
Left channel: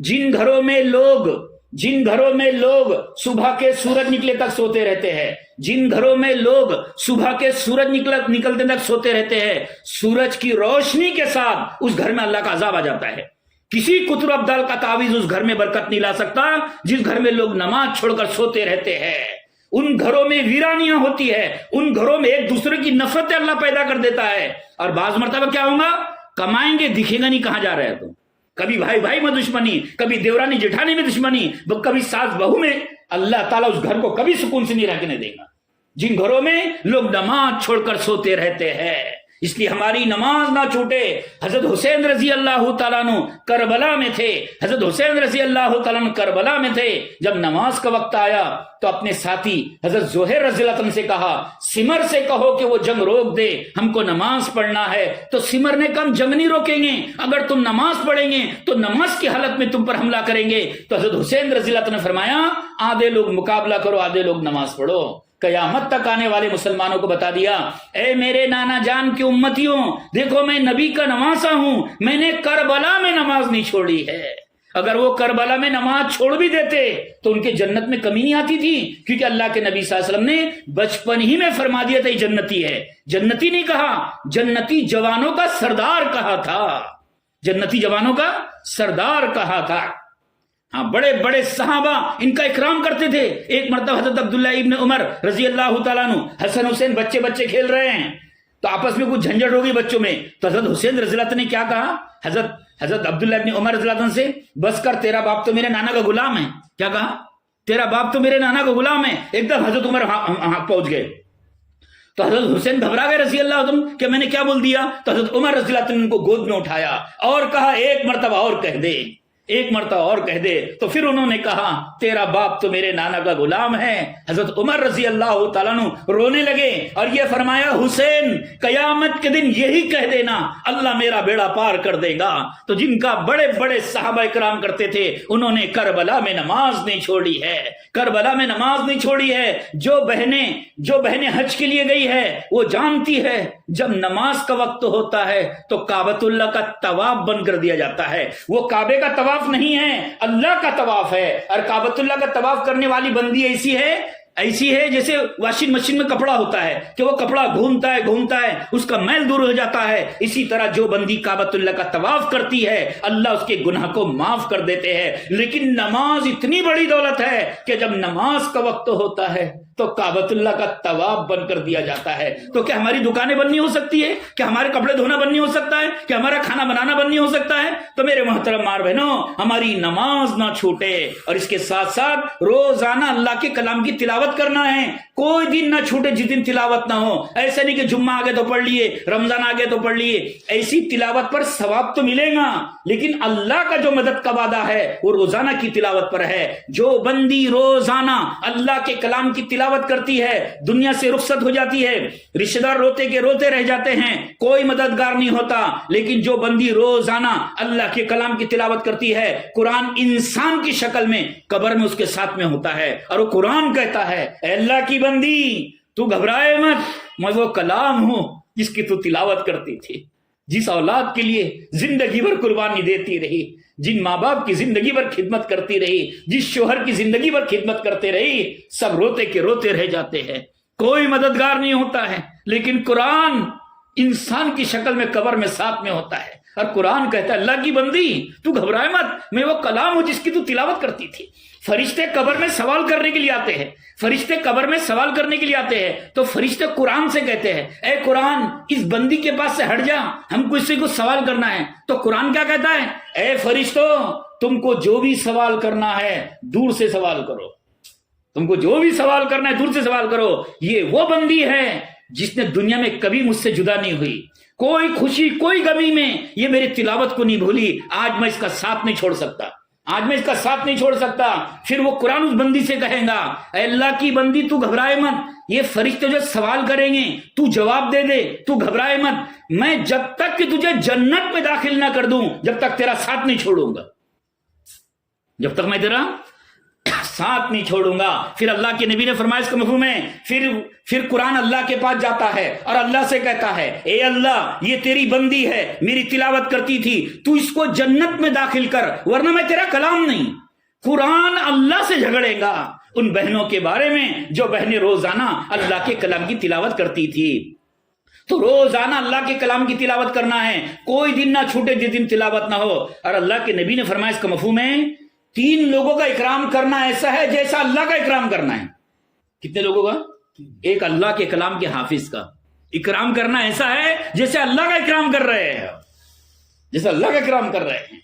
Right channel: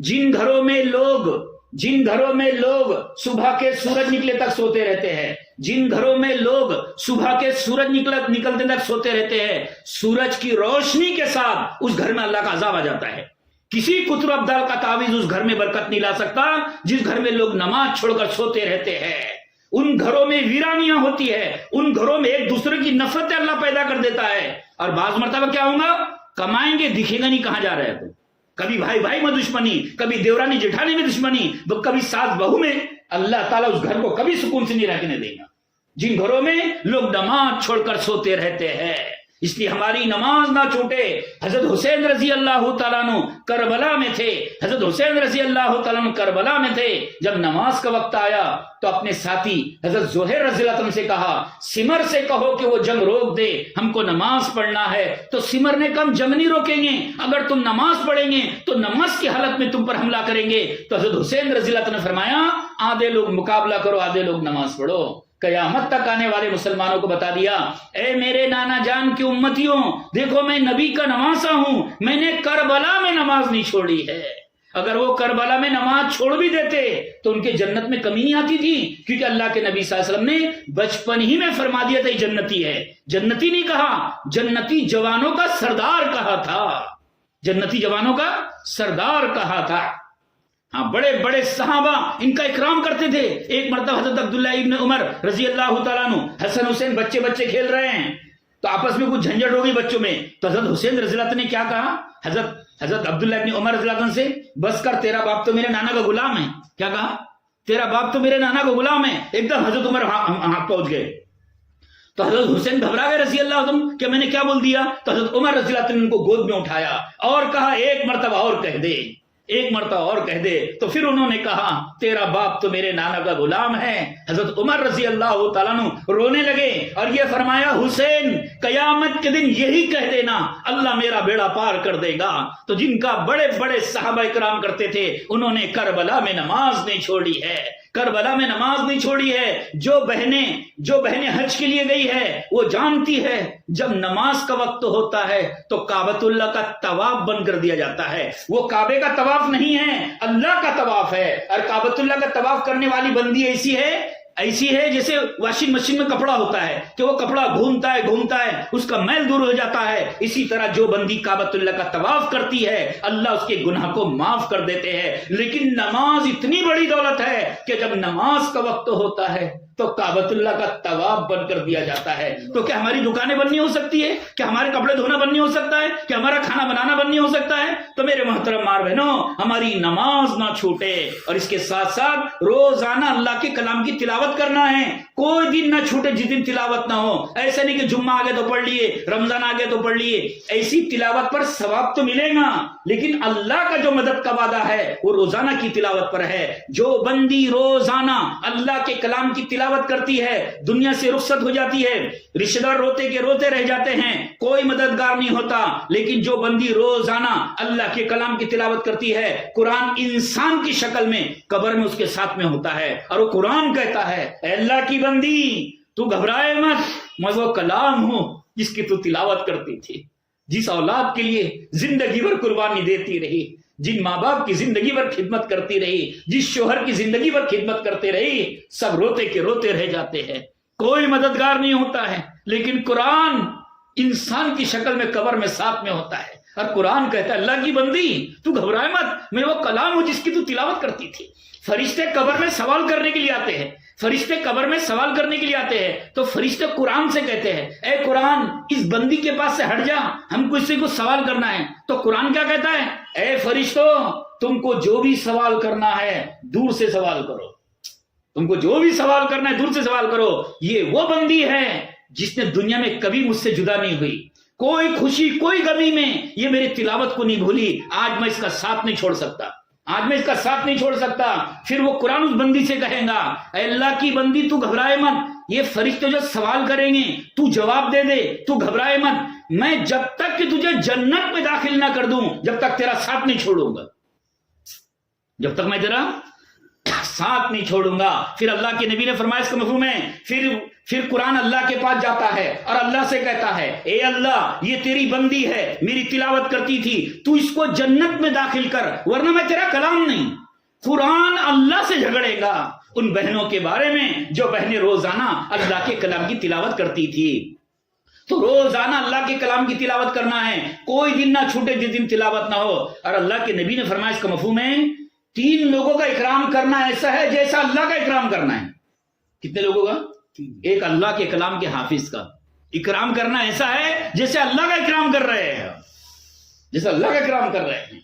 جن گھروں میں لوگ صبح کے سورج نکلے تک سوتے رہتے ہیں، جن گھروں میں لوگ صبح کے سورج نکلتے تک سوتے رہتے ہیں، سورج کی روشنی کے ساتھ اس گھر میں اللہ کا عذاب آ جاتا ہے۔ کسی قطر ابدال کا تعویذ اس گھر میں برکت نہیں لا سکتا۔ جس گھر میں لوگ نماز چھوڑ کر سوتے رہتے ہیں ان گھروں میں ویرانیاں ہوتی ہے، ان گھروں میں ایک دوسرے کی نفرت اللہ پیدا کر دیتا ہے۔ اور بعض مرتبہ کیا ہوگا، کمائیں گے دکھے گا نہیں کہاں جا رہے تو، کبھی بھائی بھائی میں دشمنی، کبھی دیورانی جٹھانی میں دشمنی، کبھی ساس بہو میں، اللہ تعالیٰ اس گھر کو کبھی سکون سے نہیں رہنے دے گا جن گھروں میں لوگ نماز چھوڑ کر سوتے رہتے ہیں۔ اس لیے ہماری نماز نہ چھوٹے۔ حضرت حسین رضی اللہ تعالیٰ عنہ کربلا میں تھے، حضرت حسین رضی اللہ تعالیٰ عنہ کربلا میں تھے۔ جب نماز کا وقت آیا تو اپنے ساتھی حضرت زہیر رضی اللہ عنہ سے کہا سمر سے کہو کہ وہ جنگ روک دے، ہم کو نماز پڑھنا ہے۔ تو سمر نے کہا ہم جنگ نہیں روکیں گے، اگر تم نماز پڑھیں گے تو نماز کی حالت میں تم پر حملہ کریں گے۔ تو حضرت حسین رضی اللہ عنہ نے فرمایا آدھے لوگ مقابلہ کرو، آدھے لوگ نماز پڑھو۔ قیامت تک آنے والے مسلمانوں کو بتا دیا اے میرے نانا جان کی امتیوں، دیکھو میں نبی کا نواسا ہوں، میں نے کربلا میں نماز نہیں چھوڑی ہے۔ اگر وہ کربلا میں نماز چھوڑ بھی دیتے تو ان کے جنت میں کمی نہیں آتی تھی، کیونکہ اللہ کے نبی صلی اللہ علیہ وسلم نے بچپن ہی میں فرما دیا تھا یہ جنتی ہے۔ جنتی نہیں کہا، جنتی جوانوں کا سردار کہا تھا، جنتی جوانوں کا سردار کہا تھا۔ ہاں بڑے بڑے صحابہ ان کا اکرام کرتے تھے۔ ایک مرتبہ حضرت عبداللہ ابن عمر رضی اللہ تعالیٰ عنہ، حسن حسین بچے کھیل رہے ہیں تو آپس میں کچھ جھنجھٹ ہو گئی بچوں میں، تو حضرت حسین رضی اللہ عنہ نے کیا کہا حضرت عبداللہ ابن عمر رضی اللہ عنہ سے، بس کر تیرا باپ تو میرے نانا کا غلام ہے۔ کیا کہا؟ تیرا باپ تو میرے نانا کا غلام ہے۔ ایک دم حضرت عمر ہاں پہنچ گئے تو حضرت حسین گھبرا گئے رضی اللہ عنہ کہ میں نے کیا بول دیا۔ تو حضرت عمر رضی اللہ عنہ نے ان کو گود میں اٹھایا اور کہا ایک مرتبہ اور کہہ دے، ایک مرتبہ اور کہہ دے تو پھر انہوں نے کہا تیرا باپ تو میرے نانا کا غلام ہے۔ حضرت عمر رضی اللہ تعالیٰ عنہ رونے لگے اور یہ فرمایا حسین قیامت کے دن یہی کہہ دینا اللہ میرا بیڑا پار کر دے گا۔ تو جن کا بڑے بڑے صحابہ کرام کرتے تھے انہوں نے کربلا میں نماز نہیں چھوڑی ہے، کربلا میں نماز نہیں چھوڑی ہے۔ جو بہنیں حج کے لیے گئی ہے وہ جانتی ہے جب نماز کا وقت ہوتا ہے تو کعبۃ اللہ کا طواف بند کر دیا جاتا ہے۔ وہ کعبے کا طواف نہیں ہے، اللہ کا طواف ہے۔ اور کعبۃ اللہ کا طواف کرنے والی بندی ایسی ہے جیسے واشنگ مشین میں کپڑا ہوتا ہے کہ وہ کپڑا گھومتا ہے اس کا میل دور ہو جاتا ہے۔ اسی طرح جو بندی کعبۃ اللہ کا طواف کرتی ہے اللہ اس کے گناہ کو معاف کر دیتے ہیں۔ لیکن نماز اتنی بڑی دولت ہے کہ جب نماز کا وقت ہوتا ہے تو کعبۃ اللہ کا طواف بند کر دیا جاتا ہے۔ تو کیا ہماری دکانیں بند نہیں ہو سکتی ہے؟ کیا ہمارے کپڑے دھونا بند نہیں ہو سکتا ہے؟ کیا ہمارا کھانا بنانا بند نہیں ہو سکتا ہے؟ تو میرے محترم ماں بہنوں، ہماری نماز نہ چھوٹے، اور اس کے ساتھ ساتھ روزانہ اللہ کے کلام کی تلاوت کرنا ہے۔ کوئی دن نہ چھوٹے جس دن تلاوت نہ ہو۔ ایسا نہیں کہ جمعہ آگے تو پڑھ لیے، رمضان آگے تو پڑھ لیے۔ ایسی تلاوت پر ثواب تو ملے گا، لیکن اللہ کا جو مدد کا وعدہ ہے وہ روزانہ کی تلاوت پر ہے۔ جو بندی روزانہ اللہ کے کلام کی تلاوت کرتی ہے دنیا سے رخصت ہو جاتی ہے، رشتہ دار روتے کے روتے رہ جاتے ہیں، کوئی مددگار نہیں ہوتا۔ لیکن جو بندی روزانہ اللہ کے کلام کی تلاوت کرتی ہے قرآن انسان کی شکل میں قبر میں اس کے ساتھ میں ہوتا ہے، اور وہ قرآن کہتا ہے اے اللہ کی بندی تو گھبرائے مت، میں وہ کلام ہوں جس کی تو تلاوت کرتی تھی، جس اولاد کے لیے زندگی بھر قربانی دیتی رہی، جن ماں باپ کی زندگی بھر خدمت کرتی رہی، جس شوہر کی زندگی بھر خدمت کرتے رہی، سب روتے کے روتے رہ جاتے ہیں، کوئی مددگار نہیں ہوتا ہے۔ لیکن قرآن انسان کی شکل میں قبر میں ساتھ میں ہوتا ہے، اور قرآن کہتا ہے اللہ کی بندی تو گھبرائے مت، میں وہ کلام ہوں جس کی تو تلاوت کرتی تھی۔ فرشتے قبر میں سوال کرنے کے لیے آتے ہیں، فرشتے قبر میں سوال کرنے کے لیے آتے ہیں، تو فرشتے قرآن سے کہتے ہیں اے قرآن اس بندی کے پاس سے ہٹ جا، ہم کو اس سے کچھ سوال کرنا ہے۔ تو قرآن کیا کہتا ہے؟ اے فرشتوں تم کو جو بھی سوال کرنا ہے دور سے سوال کرو، تم کو جو بھی سوال کرنا ہے دور سے سوال کرو۔ یہ وہ بندی ہے جس نے دنیا میں کبھی مجھ سے جدا نہیں ہوئی، کوئی خوشی کوئی غمی میں یہ میری تلاوت کو نہیں بھولی، آج میں اس کا ساتھ نہیں چھوڑ سکتا، آج میں اس کا ساتھ نہیں چھوڑ سکتا۔ پھر وہ قرآن اس بندی سے کہے گا اے اللہ کی بندی تو گھبرائے مت، یہ فرشتے جو سوال کریں گے تو جواب دے دے، تو گھبرائے مت، میں جب تک کہ تجھے جنت میں داخل نہ کر دوں جب تک تیرا ساتھ نہیں چھوڑوں گا، جب تک میں تیرا ساتھ نہیں چھوڑوں گا۔ پھر اللہ کے نبی نے فرمایا اس کا مفہوم ہے، پھر قرآن اللہ کے پاس جاتا ہے اور اللہ سے کہتا ہے اے اللہ یہ تیری بندی ہے، میری تلاوت کرتی تھی، تو اس کو جنت میں داخل کر ورنہ میں تیرا کلام نہیں۔ قرآن اللہ سے جھگڑے گا ان بہنوں کے بارے میں جو بہنیں روزانہ اللہ کے کلام کی تلاوت کرتی تھی۔ تو روزانہ اللہ کے کلام کی تلاوت کرنا ہے، کوئی دن نہ چھوٹے جس دن تلاوت نہ ہو۔ اور اللہ کے نبی نے فرمایا اس کا مفہوم ہے 3 لوگوں کا اکرام کرنا ایسا ہے جیسا اللہ کا اکرام کرنا ہے۔ کتنے لوگوں کا؟ ایک اللہ کے کلام کے حافظ کا اکرام کرنا ایسا ہے جیسے اللہ کا اکرام کر رہے ہیں، جیسے اللہ کا اکرام کر رہے ہیں۔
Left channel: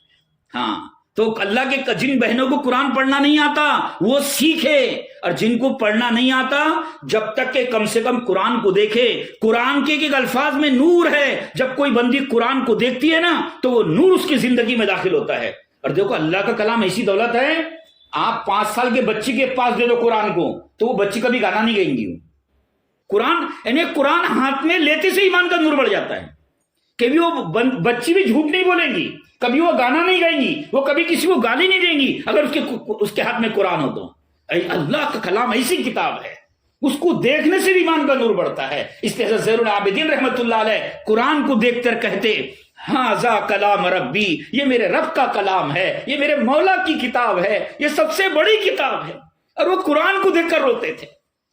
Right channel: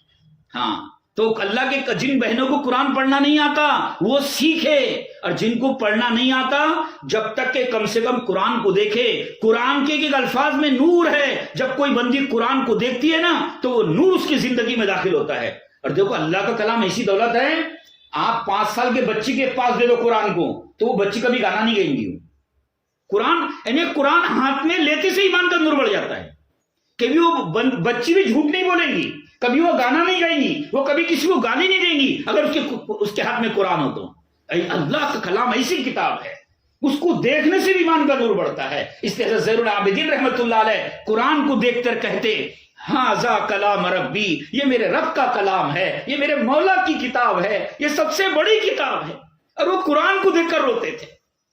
ہاں تو اللہ کے جن بہنوں کو قرآن پڑھنا نہیں آتا وہ سیکھے، اور جن کو پڑھنا نہیں آتا جب تک کہ کم سے کم قرآن کو دیکھے۔ قرآن کے ایک الفاظ میں نور ہے، جب کوئی بندی قرآن کو دیکھتی ہے نا تو وہ نور اس کی زندگی میں داخل ہوتا ہے۔ اور دیکھو اللہ کا کلام ایسی دولت ہے، آپ 5 سال کے بچی کے پاس دے دو قرآن کو تو وہ بچی کبھی گانا نہیں گائیں گی۔ قرآن یعنی قرآن ہاتھ میں لیتے سے ایمان کا نور بڑھ جاتا ہے، کبھی وہ بچی بھی جھوٹ نہیں بولیں گی، کبھی وہ گانا نہیں گائیں گی، وہ کبھی کسی کو گالی نہیں دیں گی اگر اس کے ہاتھ میں قرآن ہو تو۔ اللہ کا کلام ایسی کتاب ہے، اس کو دیکھنے سے بھی ایمان کا نور بڑھتا ہے۔ اس طرح زین العابدین رحمۃ اللہ علیہ قرآن کو دیکھ کر کہتے ہاذا کلام ربی، یہ میرے رب کا کلام ہے، یہ میرے مولا کی کتاب ہے، یہ سب سے بڑی کتاب ہے۔ اور وہ قرآن کو دیکھ کر روتے تھے،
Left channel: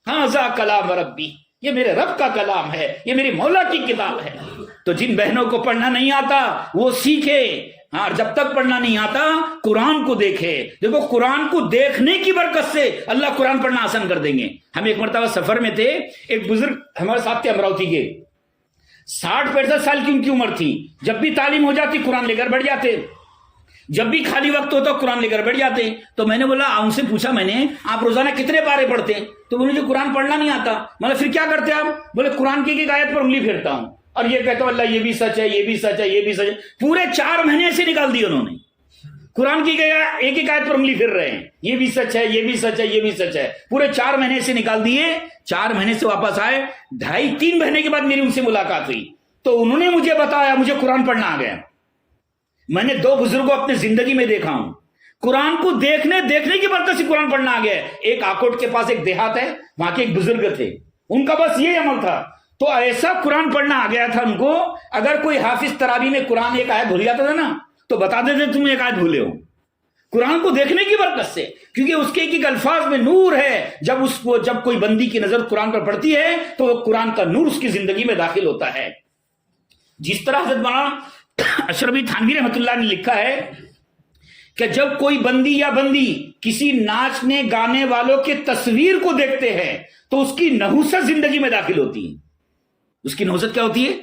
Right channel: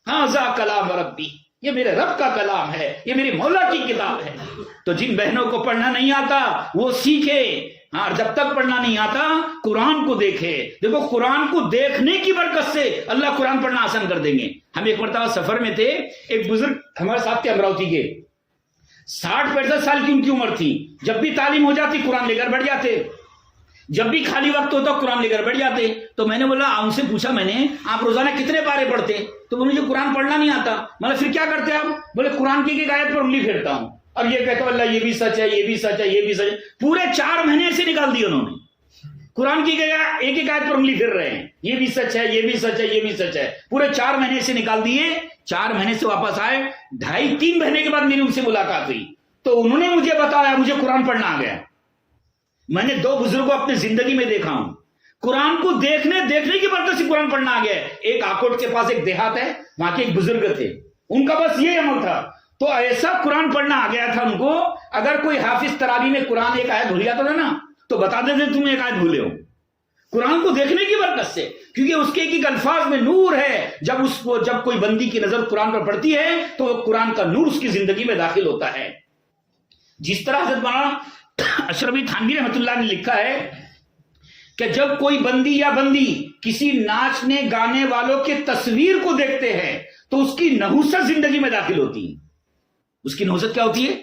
ہاذا کلام ربی، یہ میرے رب کا کلام ہے، یہ میری مولا کی کتاب ہے۔ تو جن بہنوں کو پڑھنا نہیں آتا وہ سیکھے، ہاں جب تک پڑھنا نہیں آتا قرآن کو دیکھے۔ دیکھو قرآن کو دیکھنے کی برکت سے اللہ قرآن پڑھنا آسان کر دیں گے۔ ہم ایک مرتبہ سفر میں تھے، ایک بزرگ ہمارے ساتھ تھے امراوتی کے، 60-65 سال کی ان کی عمر تھی، جب بھی تعلیم ہو جاتی قرآن لے کر بیٹھ جاتے، جب بھی خالی وقت ہوتا قرآن لے کر بیٹھ جاتے۔ تو میں نے بولا ان سے پوچھا میں نے آپ روزانہ کتنے پارے پڑھتے؟ تو مجھے قرآن پڑھنا نہیں آتا۔ مطلب پھر کیا کرتے آپ؟ بولے قرآن کی ایک آیت پر انگلی پھیرتا ہوں اور یہ کہتا ہوں اللہ یہ بھی سچ ہے، یہ بھی سچ ہے، یہ بھی سچ ہے۔ پورے 4 مہینے سے نکال دیے انہوں نے، قرآن کی ایک ایک آیت پر انگلی پھر رہے ہیں، یہ بھی سچ ہے، یہ بھی سچ ہے، یہ بھی سچ ہے. پورے 4 مہینے سے نکال دیے. 4 مہینے سے واپس آئے، 2.5-3 مہینے کے بعد میری ان سے ملاقات ہوئی تو انہوں نے مجھے بتایا مجھے قرآن پڑھنا آ گیا. میں نے 2 بزرگوں اپنے زندگی میں دیکھا ہوں، قرآن کو دیکھنے کی برکت سے قرآن پڑھنا آ گیا ہے. ایک آکوٹ کے پاس ایک دیہات ہے، وہاں کے ایک بزرگ تھے، ان کا بس یہ عمل تھا، تو ایسا قرآن پڑھنا آ گیا تھا ان کو. اگر کوئی حافظ تراویح میں قرآن ایک آیت بھول جاتا تھا نا تو بتا دیتے تم ایک آیت بھولے ہو. قرآن کو دیکھنے کی برکت سے، کیونکہ اس کے ایک ایک الفاظ میں نور ہے. جب کوئی بندی کی نظر قرآن پر پڑتی ہے تو وہ قرآن کا نور اس کی زندگی میں داخل ہوتا ہے. جس طرح حضرت مولانا اشرفی تھانوی رحمۃ اللہ نے لکھا ہے کہ جب کوئی بندی یا بندی کسی ناچنے گانے والوں کے تصویر کو دیکھتے ہیں تو اس کی نحوست زندگی میں داخل ہوتی ہے. اس کی نحوست کیا ہوتی ہے؟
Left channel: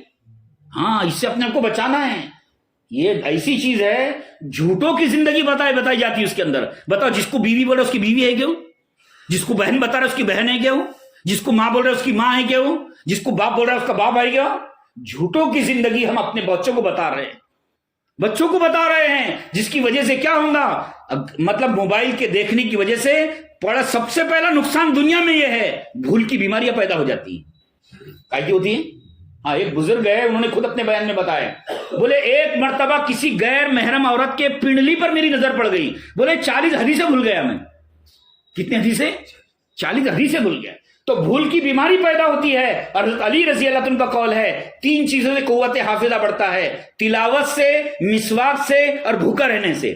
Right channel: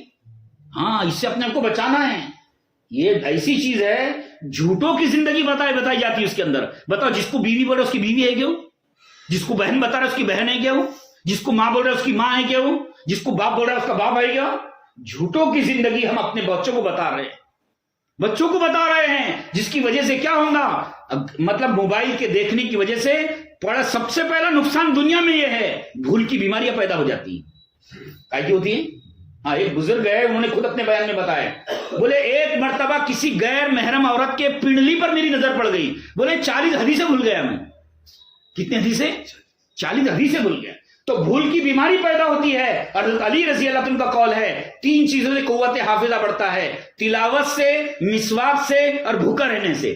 ہاں، اس سے اپنے آپ کو بچانا ہے. یہ ایسی چیز ہے، جھوٹوں کی زندگی بتائی جاتی ہے اس کے اندر. بتاؤ، جس کو بیوی بول رہا اس کی بیوی ہے کیوں؟ جس کو بہن بتا رہا اس کی بہن ہے کیوں؟ جس کو ماں بول رہا اس کی ماں ہے کیوں؟ جس کو باپ بول رہا اس کا باپ ہے کیا؟ جھوٹوں کی زندگی ہم اپنے بچوں کو بتا رہے ہیں، جس کی وجہ سے کیا ہوگا؟ مطلب موبائل کے دیکھنے کی وجہ سے سب سے پہلا نقصان دنیا میں یہ ہے، بھول کی بیماریاں پیدا ہو جاتی ہیں. کی ہوتی ہیں؟ ہاں، ایک بزرگ ہے، انہوں نے خود اپنے بیان میں بتایا، بولے ایک مرتبہ کسی غیر محرم عورت کے پنڈلی پر میری نظر پڑ گئی. بولے 40 حدیثیں بھول گیا میں. کتنے حدیثیں؟ 40 حدیثیں بھول گیا. تو بھول کی بیماری پیدا ہوتی ہے. اور حضرت علی رضی اللہ عنہ کا قول ہے 3 چیزوں سے قوت حافظہ بڑھتا ہے: تلاوت سے، مسواک سے اور بھوکا رہنے سے.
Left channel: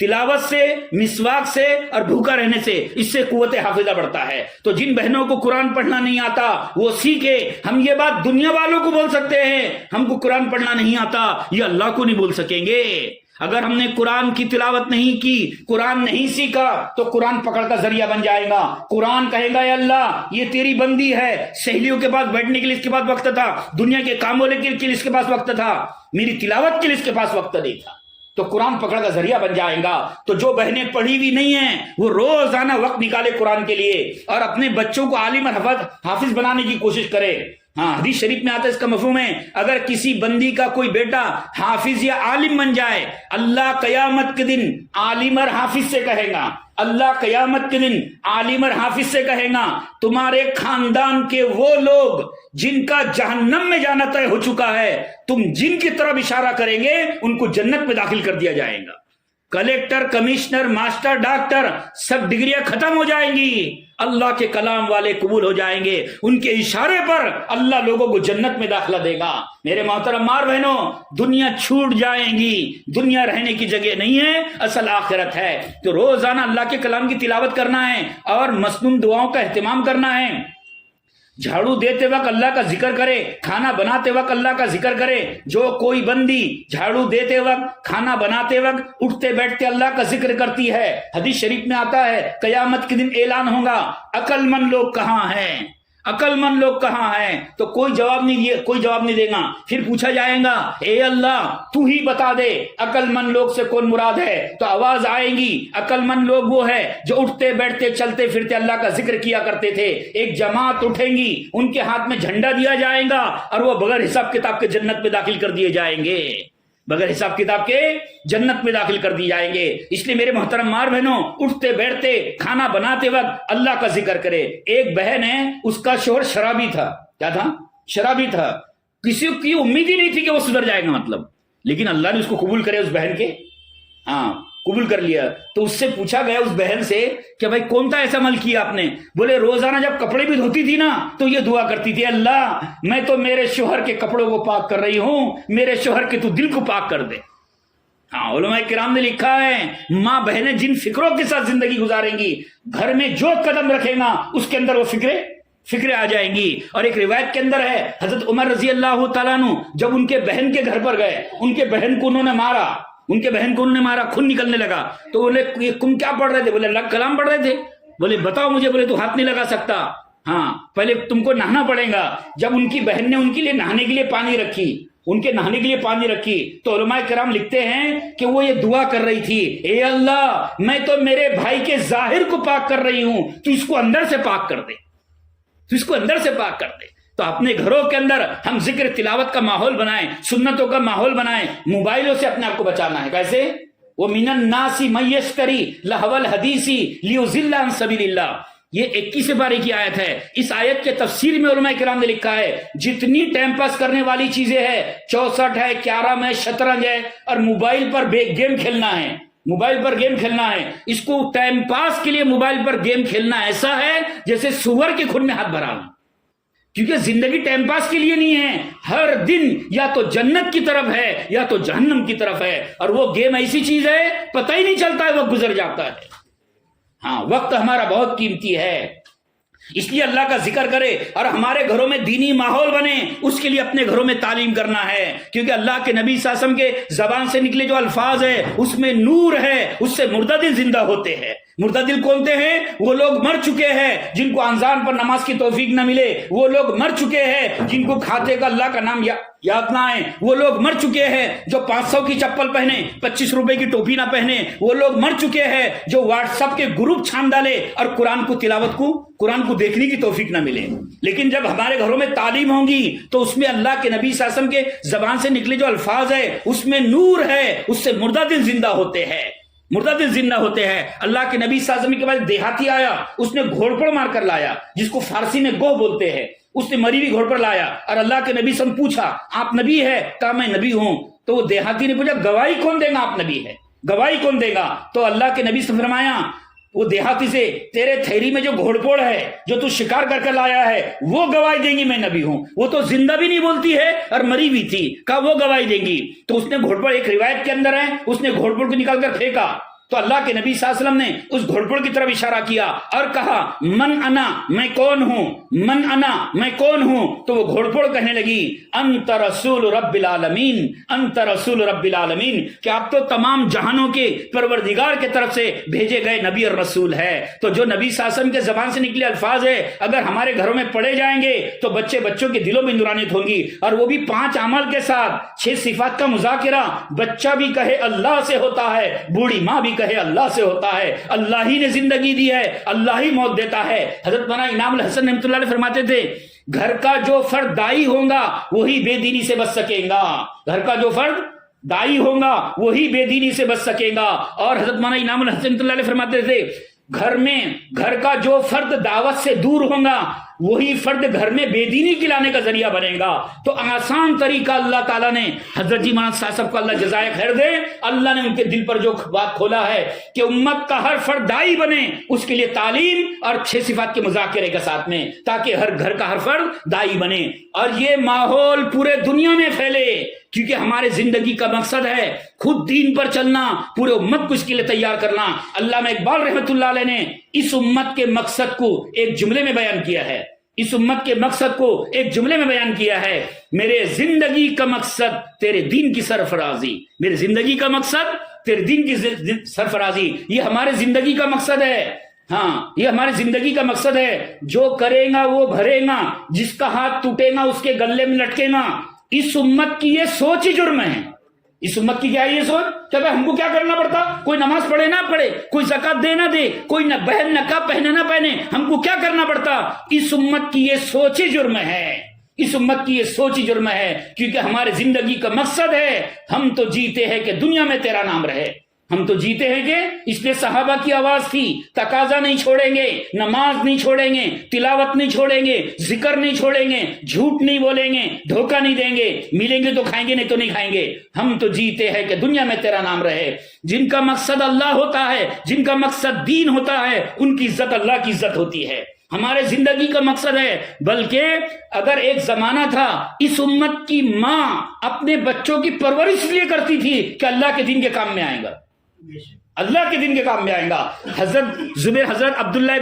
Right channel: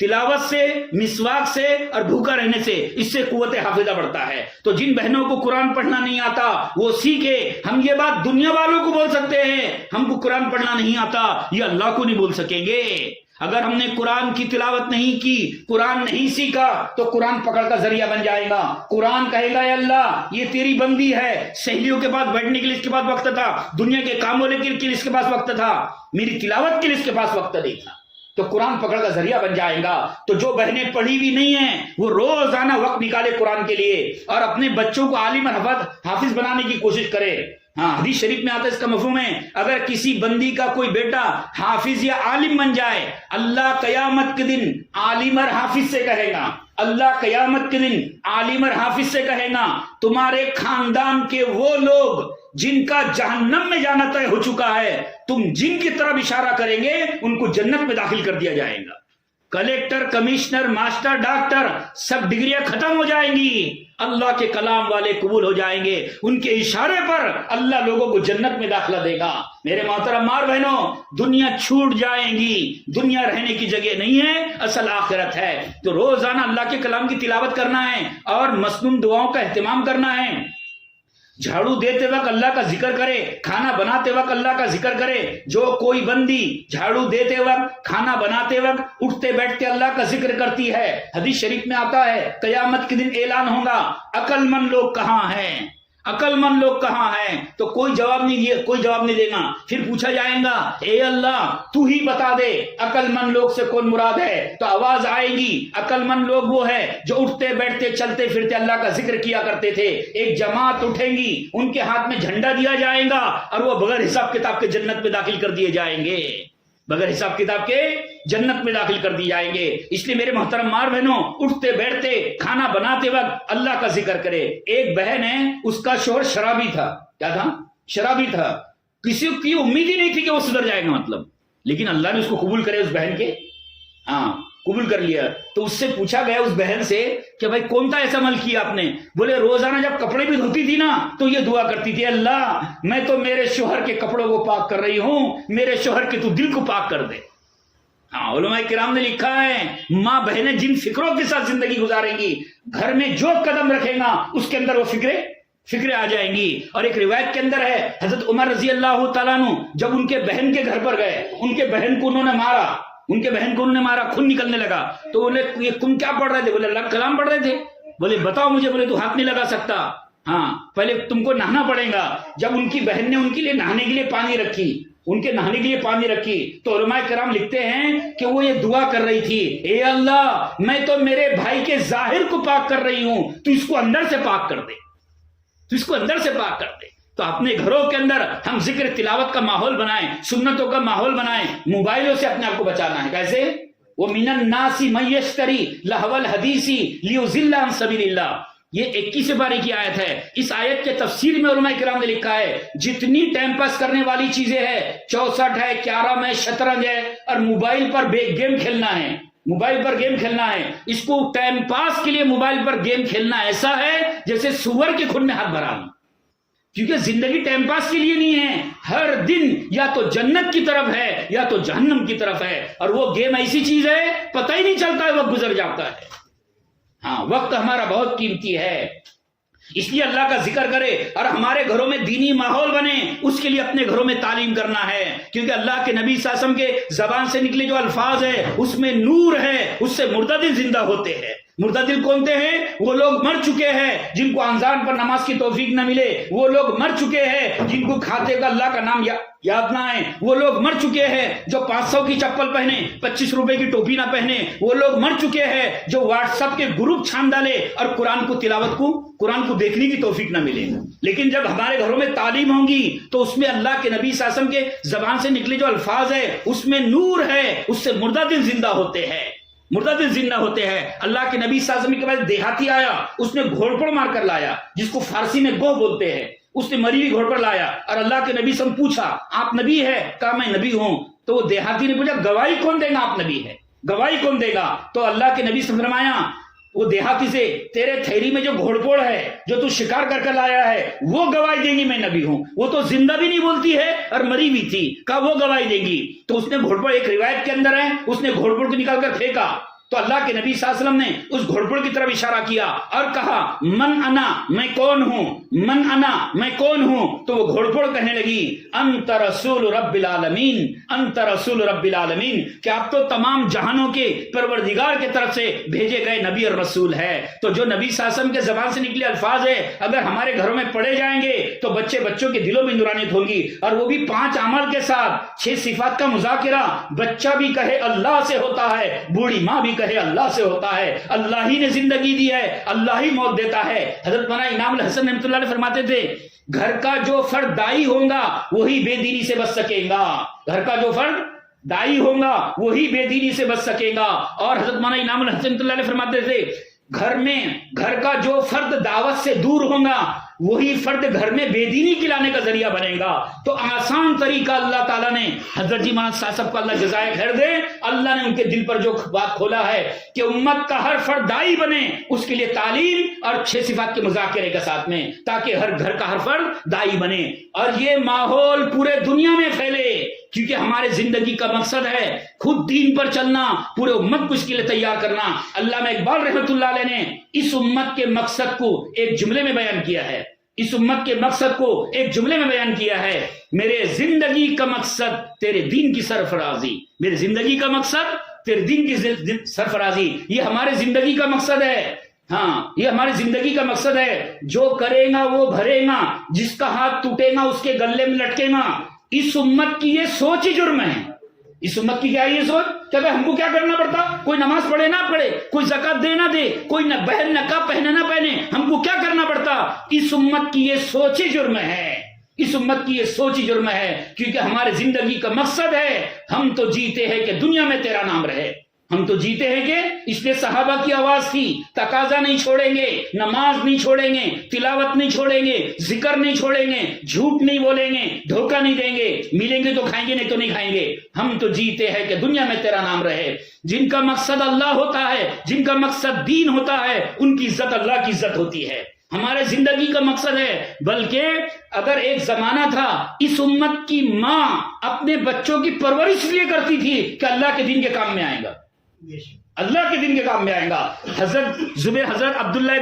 تلاوت سے، مسواک سے اور بھوکا رہنے سے، اس سے قوت حافظہ بڑھتا ہے. تو جن بہنوں کو قرآن پڑھنا نہیں آتا وہ سیکھے. ہم یہ بات دنیا والوں کو بول سکتے ہیں، ہم کو قرآن پڑھنا نہیں آتا یہ اللہ کو نہیں بول سکیں گے. اگر ہم نے قرآن کی تلاوت نہیں کی، قرآن نہیں سیکھا تو قرآن پکڑ کا ذریعہ بن جائے گا. قرآن کہے گا اے اللہ یہ تیری بندی ہے، سہیلیوں کے پاس بیٹھنے کے لیے اس کے پاس وقت تھا، دنیا کے کاموں کے لیے اس کے پاس وقت تھا، میری تلاوت کے لیے اس کے پاس وقت نہیں تھا. تو قرآن پکڑ کا ذریعہ بن جائے گا. تو جو بہنیں پڑھی بھی نہیں ہیں وہ روزانہ وقت نکالے قرآن کے لیے اور اپنے بچوں کو عالم اور حافظ بنانے کی کوشش کرے. ہاں، حدیث شریف میں آتا ہے، اس کا مفہوم ہے اگر کسی بندی کا کوئی بیٹا حافظ یا عالم بن جائے، اللہ قیامت کے دن عالم اور حافظ سے کہے گا، اللہ قیامت کے دن عالم اور حافظ سے کہے گا تمہارے خاندان کے وہ لوگ جن کا جہنم میں جانا طے ہو چکا ہے، تم جن کی طرف اشارہ کریں گے ان کو جنت میں داخل کر دیا جائے گا. کلیکٹر، کمشنر، ماسٹر، ڈاکٹر سب ڈگریاں ختم ہو جائیں گی، اللہ کے کلام والے قبول ہو جائیں گے. ان کے اشارے پر اللہ لوگوں کو جنت میں داخلہ دے گا. میرے محترم ماں بہنوں، دنیا چھوٹ جائیں گی، دنیا رہنے کی جگہ نہیں ہے، اصل آخرت ہے. تو روزانہ اللہ کے کلام کی تلاوت کرنا ہے اور مسنون دعاؤں کا اہتمام کرنا ہے. جھاڑو دیتے وقت اللہ کا ذکر کرے، کھانا بناتے وقت اللہ کا ذکر کرے. جو کوئی بندی جھاڑو دیتے وقت، کھانا بناتے وقت، اٹھتے بیٹھتے اللہ کا ذکر کرتی ہے، حدیث شریف میں آتا ہے قیامت کے دن اعلان ہوگا عقل مند لوگ کہاں ہیں، عقل مند لوگ کہاں ہیں؟ تو کوئی جواب نہیں دے گا. پھر پوچھا جائے گا اے اللہ تو ہی بتا دے عقل مند لوگ سے کون مراد ہے. تو آواز آئے گی عقل مند لوگ وہ ہے جو اٹھتے بیٹھتے چلتے پھرتے اللہ کا ذکر کیا کرتے تھے. ایک جماعت اٹھیں گی، ان کے ہاتھ میں جھنڈا دیا جائے گا اور وہ بغیر حساب کتاب کے جنت میں داخل کر دیے جائیں گے، بغیر حساب کتاب کے جنت میں داخل کر دی جائیں گے. اس لیے میرے محترم ماں بہنوں، اٹھتے بیٹھتے کھانا بناتے وقت اللہ کا ذکر کرے. ایک بہن ہے، اس کا شوہر شرابی تھا. کیا تھا؟ شرابی تھا. کسی کی امید ہی نہیں تھی کہ وہ سدھر جائے گا، مطلب، لیکن اللہ نے اس کو قبول کرے، اس بہن کے قبول کر لیا. تو اس سے پوچھا گیا اس بہن سے کہ بھائی کون سا ایسا عمل کیا آپ نے؟ بولے روزانہ جب کپڑے بھی دھوتی تھی نا تو یہ دعا کرتی تھی اللہ میں تو میرے شوہر کے کپڑوں کو پاک کر رہی ہوں، میرے شوہر کے تو دل کو پاک کر دے. علماء کرام نے لکھا ہے ماں بہنیں جن فکروں کے ساتھ زندگی گزاریں گی، گھر میں جو قدم رکھے گا اس کے اندر وہ فکریں آ جائیں گی. اور ایک روایت کے اندر ہے حضرت عمر رضی اللہ تعالیٰ عنہ جب ان کے بہن کے گھر پر گئے، ان کے بہن کو انہوں نے مارا، خون نکلنے لگا. تو بولے یہ تم کیا پڑھ رہے تھے؟ بولے اللہ کلام پڑھ رہے تھے. بولے بتاؤ مجھے. بولے تو ہاتھ نہیں لگا سکتا، ہاں پہلے تم کو نہانا پڑے گا. جب ان کی بہن نے ان کے لیے نہانے کے لیے پانی رکھی تو علماء کرام لکھتے ہیں کہ وہ یہ دعا کر رہی تھی اے اللہ میں تو میرے بھائی کے ظاہر کو پاک کر رہی ہوں، تو اس کو اندر سے پاک کر دے. تو اپنے گھروں کے اندر ہم ذکر تلاوت کا ماحول بنائیں، سنتوں کا ماحول بنائیں. موبائلوں سے اپنے آپ کو بچانا ہے. کیسے؟ وَمِنَ النَّاسِ مَن يَشْتَرِي لَهْوَ الْحَدِيثِ لِيُضِلَّ عَن سَبِيلِ اللَّهِ۔ یہ 21 پارے کی آیت ہے۔ اس آیت کے تفسیر میں علماء کرام نے لکھا ہے جتنی ٹائم پاس کرنے والی چیزیں ہیں، 64 ہے، کیرم ہے، شطرنج ہے، اور موبائل پر گیم کھیلنا ہے، موبائل پر گیم کھیلنا ہے، اس کو ٹائم پاس کے لیے موبائل پر گیم کھیلنا ایسا ہے جیسے سور کے خون میں ہاتھ بھرانا، کیونکہ زندگی ٹائم پاس کے لیے نہیں ہے، ہر دن یا تو جنت کی طرف ہے یا تو جہنم کی طرف ہے، اور وہ گیم ایسی چیز ہے پتہ ہی نہیں چلتا ہے، وقت گزر جاتا ہے۔ ہاں، وقت ہمارا بہت قیمتی ہے، اس لیے اللہ کا ذکر کرے اور ہمارے گھروں میں دینی ماحول بنے، اس کے لیے اپنے گھروں میں تعلیم کرنا ہے، کیونکہ اللہ کے نبی صلی اللہ علیہ وسلم کے زبان سے نکلے جو الفاظ ہے اس میں نور ہے، اس سے مردہ دل زندہ ہوتے ہیں۔ مردہ دل کونتے ہیں؟ وہ لوگ مر چکے ہیں جن کو اذان پر نماز کی توفیق نہ ملے، وہ لوگ مر چکے ہیں جن کو کھاتے کا اللہ کا نام یاد نہ آئے، وہ لوگ مر چکے ہیں جو 500 کی چپل پہنے 25 روپے کی ٹوپی نہ پہنے، وہ لوگ مر چکے ہیں جو واٹس ایپ کے گروپ چھان ڈالے اور قرآن کو دیکھنے کی توفیق نہ ملے۔ لیکن جب ہمارے گھروں میں تعلیم ہوگی تو اس میں اللہ کے نبی صلی اللہ علیہ وسلم کے زبان سے نکلے جو الفاظ ہے اس میں نور ہے، اس سے مردہ دل زندہ ہوتے ہیں، مردہ دل زندہ ہوتے ہیں۔ اللہ کے نبی صلی اللہ علیہ وسلم کے پاس دیہاتی آیا، اس نے گھوڑپڑ مار کر لایا، جس کو فارسی میں گو بولتے ہیں، اس نے مری ہوئی گھوڑپڑ لایا، اور اللہ کے نبی سے پوچھا آپ نبی ہے؟ کہا میں نبی ہوں۔ تو وہ دیہاتی نے پوچھا گواہی کون دے گا آپ نبی ہے؟ گواہی کون دے گا؟ تو اللہ کے نبی سے فرمایا وہ دیہاتی سے تیرے تھیلی میں جو گھوڑپوڑ ہے جو تو شکار کر لایا ہے وہ گواہی دیں گی میں نبی ہوں، وہ تو زندہ بھی نہیں بولتی ہے اور مری بھی تھی، کہا وہ گواہی دیں گی۔ تو اس نے گھوڑپوڑ، ایک روایت کے اندر ہے اس نے گھوڑپوڑ کو نکال کر پھینکا، تو اللہ کے نبی صلی اللہ علیہ وسلم نے اس گھوڑپوڑ کی طرف اشارہ کیا اور کہا من انا، میں کون ہوں، من انا، میں کون ہوں؟ تو وہ گھوڑپوڑ کہنے لگی انت رسول رب العالمین، انت رسول رب العالمین، کہ آپ تو تمام جہانوں کے پروردگار کے طرف سے بھیجے گئے نبی اور رسول ہے۔ تو جو نبی صلی اللہ علیہ وسلم کے زبان سے نکلے الفاظ ہے اگر ہمارے گھروں میں پڑھے جائیں گے تو بچوں کے دلوں میں نورانیت ہوگی، اور وہ بھی 5 اعمال کے ساتھ، 6 صفات کا مذاکرہ، بچہ بھی کہے اللہ سے ہوتا ہے، بوڑھی ماں بھی کہے اللہ سے ہوتا ہے، اللہ ہی نے زندگی دی ہے، اللہ ہی موت دیتا ہے۔ حضرت مولانا انعام الحسن رحمۃ اللہ علیہ فرماتے تھے گھر کا جو فرد دائی ہوگا وہی بے دینی سے بچ سکے گا، گھر کا جو فرد دائی ہوگا وہی بے دینی سے بچ سکے گا۔ اور حضرت مولانا انعام الحسن رحمۃ اللہ علیہ فرماتے تھے گھر کا جو فرد دعوت سے دور ہوگا وہی فرد گھر میں بے دینی کلانے کا ذریعہ بنے گا۔ تو آسان طریقہ اللہ تعالیٰ نے حضرت جی مان صاحب کو اللہ جزائے خیر دے، اللہ نے ان کے دل پر جو بات کھولا ہے کہ امت کا ہر فرد دائی بنے، اس کے لیے تعلیم اور 6 صفات کے مذاکرے کے ساتھ میں، تاکہ ہر گھر کا ہر فرد دائی بنے اور یہ ماحول پورے دنیا میں پھیلے، کیونکہ ہمارے زندگی کا مقصد ہے خود دین پر چلنا، پورے امت کو اس کے لیے تیار کرنا۔ علامہ اقبال رحمۃ اللہ علیہ نے اس امت کے مقصد کو ایک جملے میں بیان کیا ہے، اس امت کے مقصد کو ایک جملے میں بیان کیا ہے، میرے زندگی کا مقصد تیرے دین کی سرفرازی، میرے زندگی کا مقصد تیرے دین کی سرفرازی، یہ ہمارے زندگی کا مقصد ہے۔ ہاں، یہ ہماری زندگی کا مقصد ہے، جو کرے گا وہ بھرے گا، جس کا ہاتھ ٹوٹے گا اس کے گلے میں لٹکے گا۔ اس امت کی یہ سوچ ہی جرم ہے، اس امت کی کیا ہے یہ سوچ کہ ہم کو کیا کرنا پڑتا، کوئی نماز پڑھے نہ پڑھے، کوئی زکات دے نہ دے، کوئی نہ بہن نقاب پہنے نہ پہنے، ہم کو کیا کرنا پڑتا۔ اس امت کی یہ سوچ ہی جرم ہے، اس امت کی یہ سوچ ہی جرم ہے، کیونکہ ہمارے زندگی کا مقصد ہے ہم تو جیتے ہیں کہ دنیا میں تیرا نام رہے، ہم تو جیتے ہیں کہ اس لیے صحابہ کی آواز تھی تقاضا نہیں چھوڑیں گے، نماز نہیں چھوڑیں گے، تلاوت نہیں چھوڑیں گے، ذکر نہیں چھوڑیں گے، جھوٹ نہیں بولیں گے، دھوکہ نہیں دیں گے، ملیں گے تو کھائیں گے نہیں تو نہیں کھائیں گے، ہم تو جیتے ہیں کہ دنیا میں تیرا نام رہے۔ جن کا مقصد اللہ ہوتا ہے، جن کا مقصد دین ہوتا ہے، ان کی عزت اللہ کی عزت ہوتی ہے، ہمارے زندگی کا مقصد ہے۔ بلکہ اگر ایک زمانہ تھا اس امت کی ماں اپنے بچوں کی پرورش اس لیے کرتی تھی کہ اللہ کے دین کے کام میں آئے گا، اللہ کے دن کے کام میں آئے گا۔ حضرت عبداللہ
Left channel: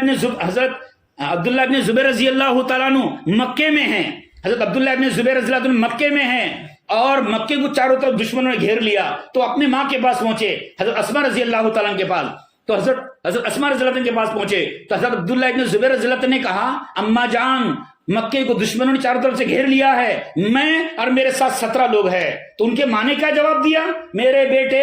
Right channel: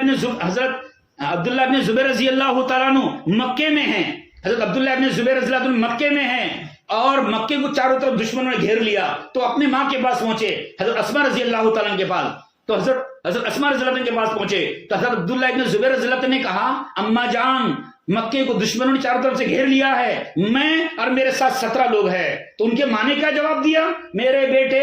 ابن زبیر رضی اللہ تعالیٰ عنہ مکے میں ہیں، حضرت عبداللہ ابن زبیر رضی اللہ عنہ مکے میں ہیں اور مکے کو چاروں طرف دشمنوں نے گھیر لیا، تو اپنے ماں کے پاس پہنچے، حضرت اسماء رضی اللہ تعالیٰ عنہ کے پاس، تو حضرت اسماء رضی اللہ عنہ کے پاس پہنچے تو حضرت عبداللہ ابن زبیر رضی اللہ عنہ نے کہا اماں جان مکے کو دشمنوں نے چاروں طرف سے گھیر لیا ہے، میں اور میرے ساتھ 17 لوگ ہیں۔ تو ان کے ماں نے کیا جواب دیا، میرے بیٹے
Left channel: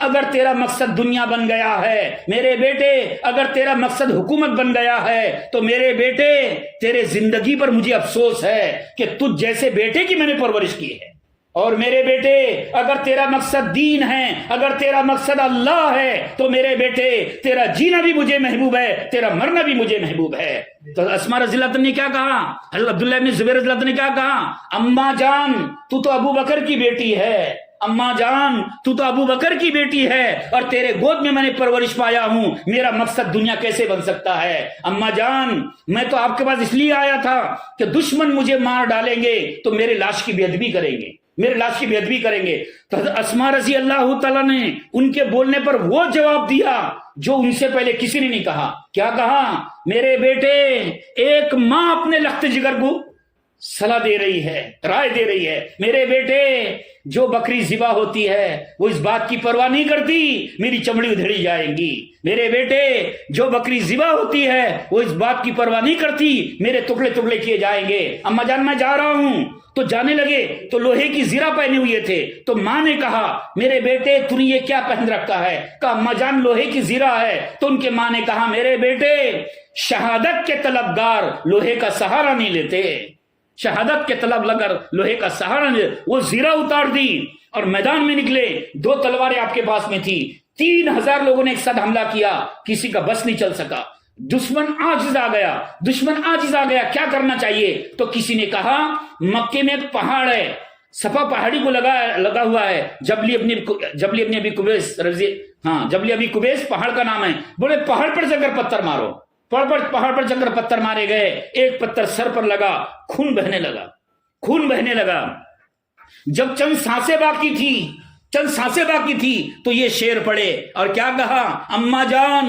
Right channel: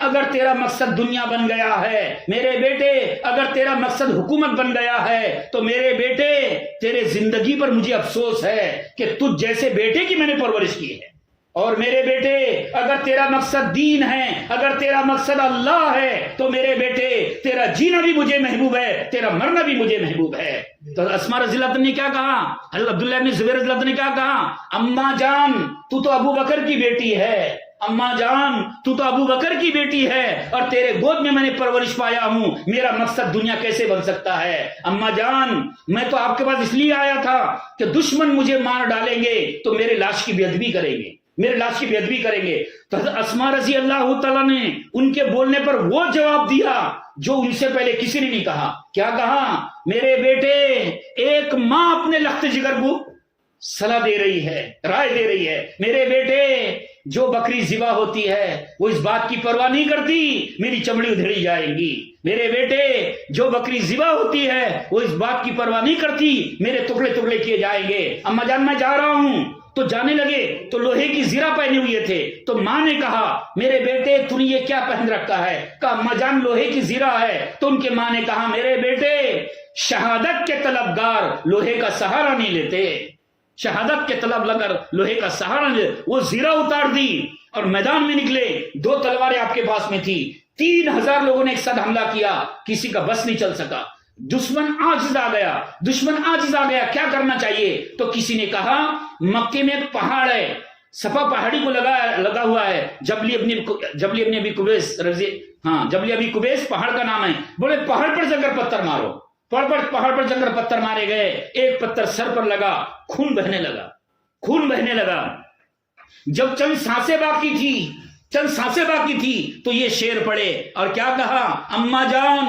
اگر تیرا مقصد دنیا بن گیا ہے، میرے بیٹے اگر تیرا مقصد حکومت بن گیا ہے تو میرے بیٹے تیرے زندگی پر مجھے افسوس ہے کہ تجھ جیسے بیٹے کی میں نے پرورش کی ہے، اور میرے بیٹے اگر تیرا مقصد دین ہے، اگر تیرا مقصد اللہ ہے، تو میرے بیٹے تیرا جینا بھی مجھے محبوب ہے، تیرا مرنا بھی مجھے محبوب ہے۔ تو اسماء رضی اللہ عنہ نے کیا کہا؟ حضرت عبداللہ بن زبیر رضی اللہ عنہ نے کیا کہا؟ اماں جان تو تو ابو بکر کی بیٹی ہے، اماں جان تو تو ابو بکر کی بیٹی ہے، اور تیرے گود میں نے پرورش پایا ہوں، میرا مقصد دنیا کیسے بن سکتا ہے؟ اماں جان میں تو آپ کے پاس اس لیے آیا تھا کہ دشمن مجھے مار ڈالیں گے تو میرے لاش کی بے ادبی کریں گے، میرے لاش کی بے ادبی کریں گے۔ تو حضرت اسماء رضی اللہ تعالیٰ نے ان کے بولنے پر وہ جواب دیا جو ان سے پہلے کسی نے نہیں کہا۔ کیا کہا؟ میرے بیٹے ایک ماں اپنے لخت جگر کو صلاح دے رہی ہے، رائے دے رہی ہے، میرے بیٹے جو بکری ذبح ہوتی ہے وہ اس بات کی پرواہ نہیں کرتی میری چمڑی ادھیڑی جائے گی، میرے بیٹے جو بکری ذبح ہوتی ہے وہ اس بات کی پرواہ نہیں کرتی میرے ٹکڑے ٹکڑے کیے جائیں گے۔ اماں جان میں جا رہا ہوں، تو جانے لگے تو لوہے کی زرہ پہنے ہوئے تھے، تو ماں نے کہا میرے بیٹے تو نے یہ کیا پہن رکھا ہے؟ کہا اماں جان لوہے کی زرہ ہے۔ تو ان کے ماں نے کہا میرے بیٹے شہادت کے طلبگار لوہے کا سہارا نہیں لیتے، شہادت کے طلب لگر لوہے کا سہارا نہیں لیتے۔ وہ زرہ اتار دی اور میدان میں نکلے، 2 تلواریں آپ کے پاس میں تھی، 3000 لوگوں نے ایک ساتھ حملہ کیا، کسی کا بس نہیں چل سکا، دشمن عاجز آ گیا، دشمن عاجز آ گیا، کیا کرنا چاہیے؟ تو کسی نے کہا مکے میں ایک پہاڑ ہے، صفا پہاڑی کو لگا ہوا ہے، جبلی ابن ابی قبیس پہاڑ کا نام ہے، بولے پہاڑ پر جا کر پتھر مارو، پہاڑ پر جا کر پتھر مارے گئے، ایک پتھر سر پر لگا، خون بہنے لگا۔ جب چند سانسیں باقی تھی تو یہ شعر پڑے اور کیا کہا؟ اماں جان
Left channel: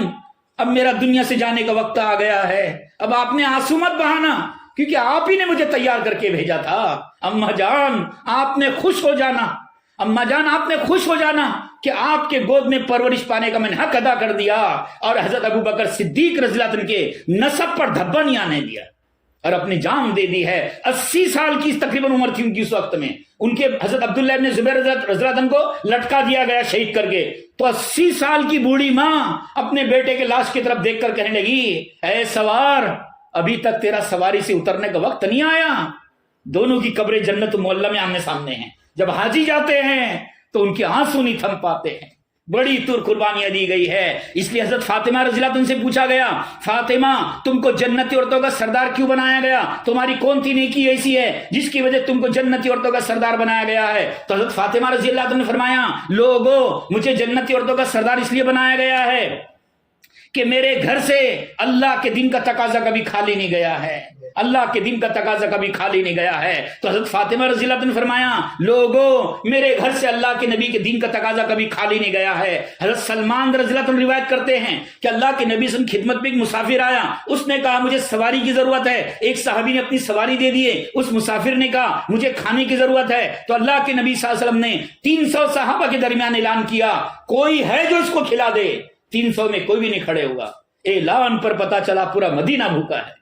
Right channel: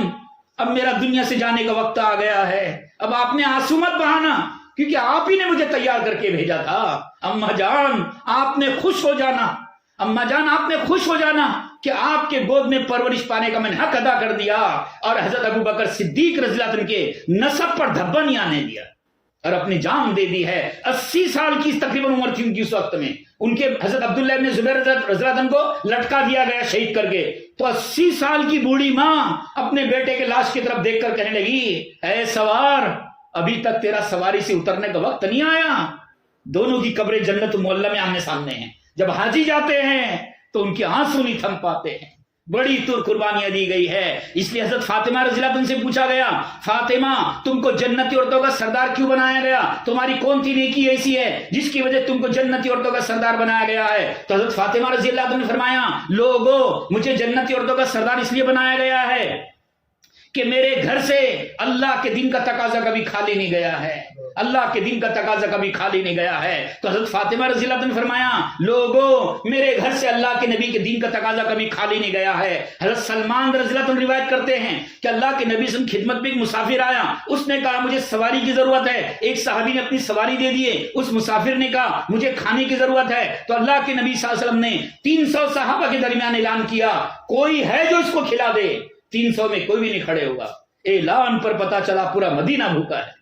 اب میرا دنیا سے جانے کا وقت آ گیا ہے، اب آپ نے آنسو مت بہانا کیونکہ آپ ہی نے مجھے تیار کر کے بھیجا تھا۔ اماں جان آپ نے خوش ہو جانا، اماں جان آپ نے خوش ہو جانا کہ آپ کے گود میں پرورش پانے کا میں نے حق ادا کر دیا، اور حضرت ابو بکر صدیق رضی اللہ عنہ کے نسب پر دھبا نہیں آنے دیا، اور اپنی جان دے دی ہے۔ 80 سال کی تقریباً عمر تھی ان کی اس وقت میں، ان کے حضرت عبداللہ ابن زبیر رضی اللہ عنہ کو لٹکا دیا گیا شہید کر کے، تو 80 سال کی بوڑھی ماں اپنے بیٹے کے لاش کی طرف دیکھ کر کہنے لگی اے سوار ابھی تک تیرا سواری سے اترنے کا وقت نہیں آیا۔ دونوں کی قبریں جنت معلیٰ میں آمنے سامنے ہیں، جب حاجی جاتے ہیں تو ان کے آنسو نہیں تھم پاتے ہیں، بڑی تر قربانیاں دی گئی ہے۔ اس لیے حضرت فاطمہ رضی اللہ عنہ سے پوچھا گیا فاطمہ تم کو جنتی عورتوں کا سردار کیوں بنایا گیا؟ تمہاری کون سی نیکی ایسی ہے جس کی وجہ تم کو جنتی عورتوں کا سردار بنایا گیا ہے؟ تو حضرت فاطمہ رضی اللہ عنہ نے فرمایا لوگوں مجھے جنتی عورتوں کا سردار اس لیے بنایا گیا ہے کہ میرے گھر سے اللہ کے دین کا تقاضا کبھی خالی نہیں گیا ہے، اللہ کے دین کا تقاضا کبھی خالی نہیں گیا ہے۔ تو حضرت فاطمہ رضی اللہ عنہ نے فرمایا لوگوں میرے گھر سے اللہ کے نبی کے دین کا تقاضا کبھی خالی نہیں گیا ہے۔ حضرت سلمان رضی اللہ عنہ روایت کرتے ہیں کہ اللہ کے نبی صلی اللہ علیہ وسلم خدمت میں ایک مسافر آیا، اس نے کہا مجھے سواری کی ضرورت ہے، ایک صحابی نے اپنی سواری دے دیے، اس مسافر نے کہا مجھے کھانے کی ضرورت ہے، تو اللہ کے نبی صلی اللہ علیہ وسلم نے 300 صحابہ کے درمیان اعلان کیا کوئی ہے جو اس کو کھلا دے، 300 میں کوئی بھی نہیں کھڑے ہوگا۔ اعلان پر پتا چلا پورا مدینہ بھوکا ہے،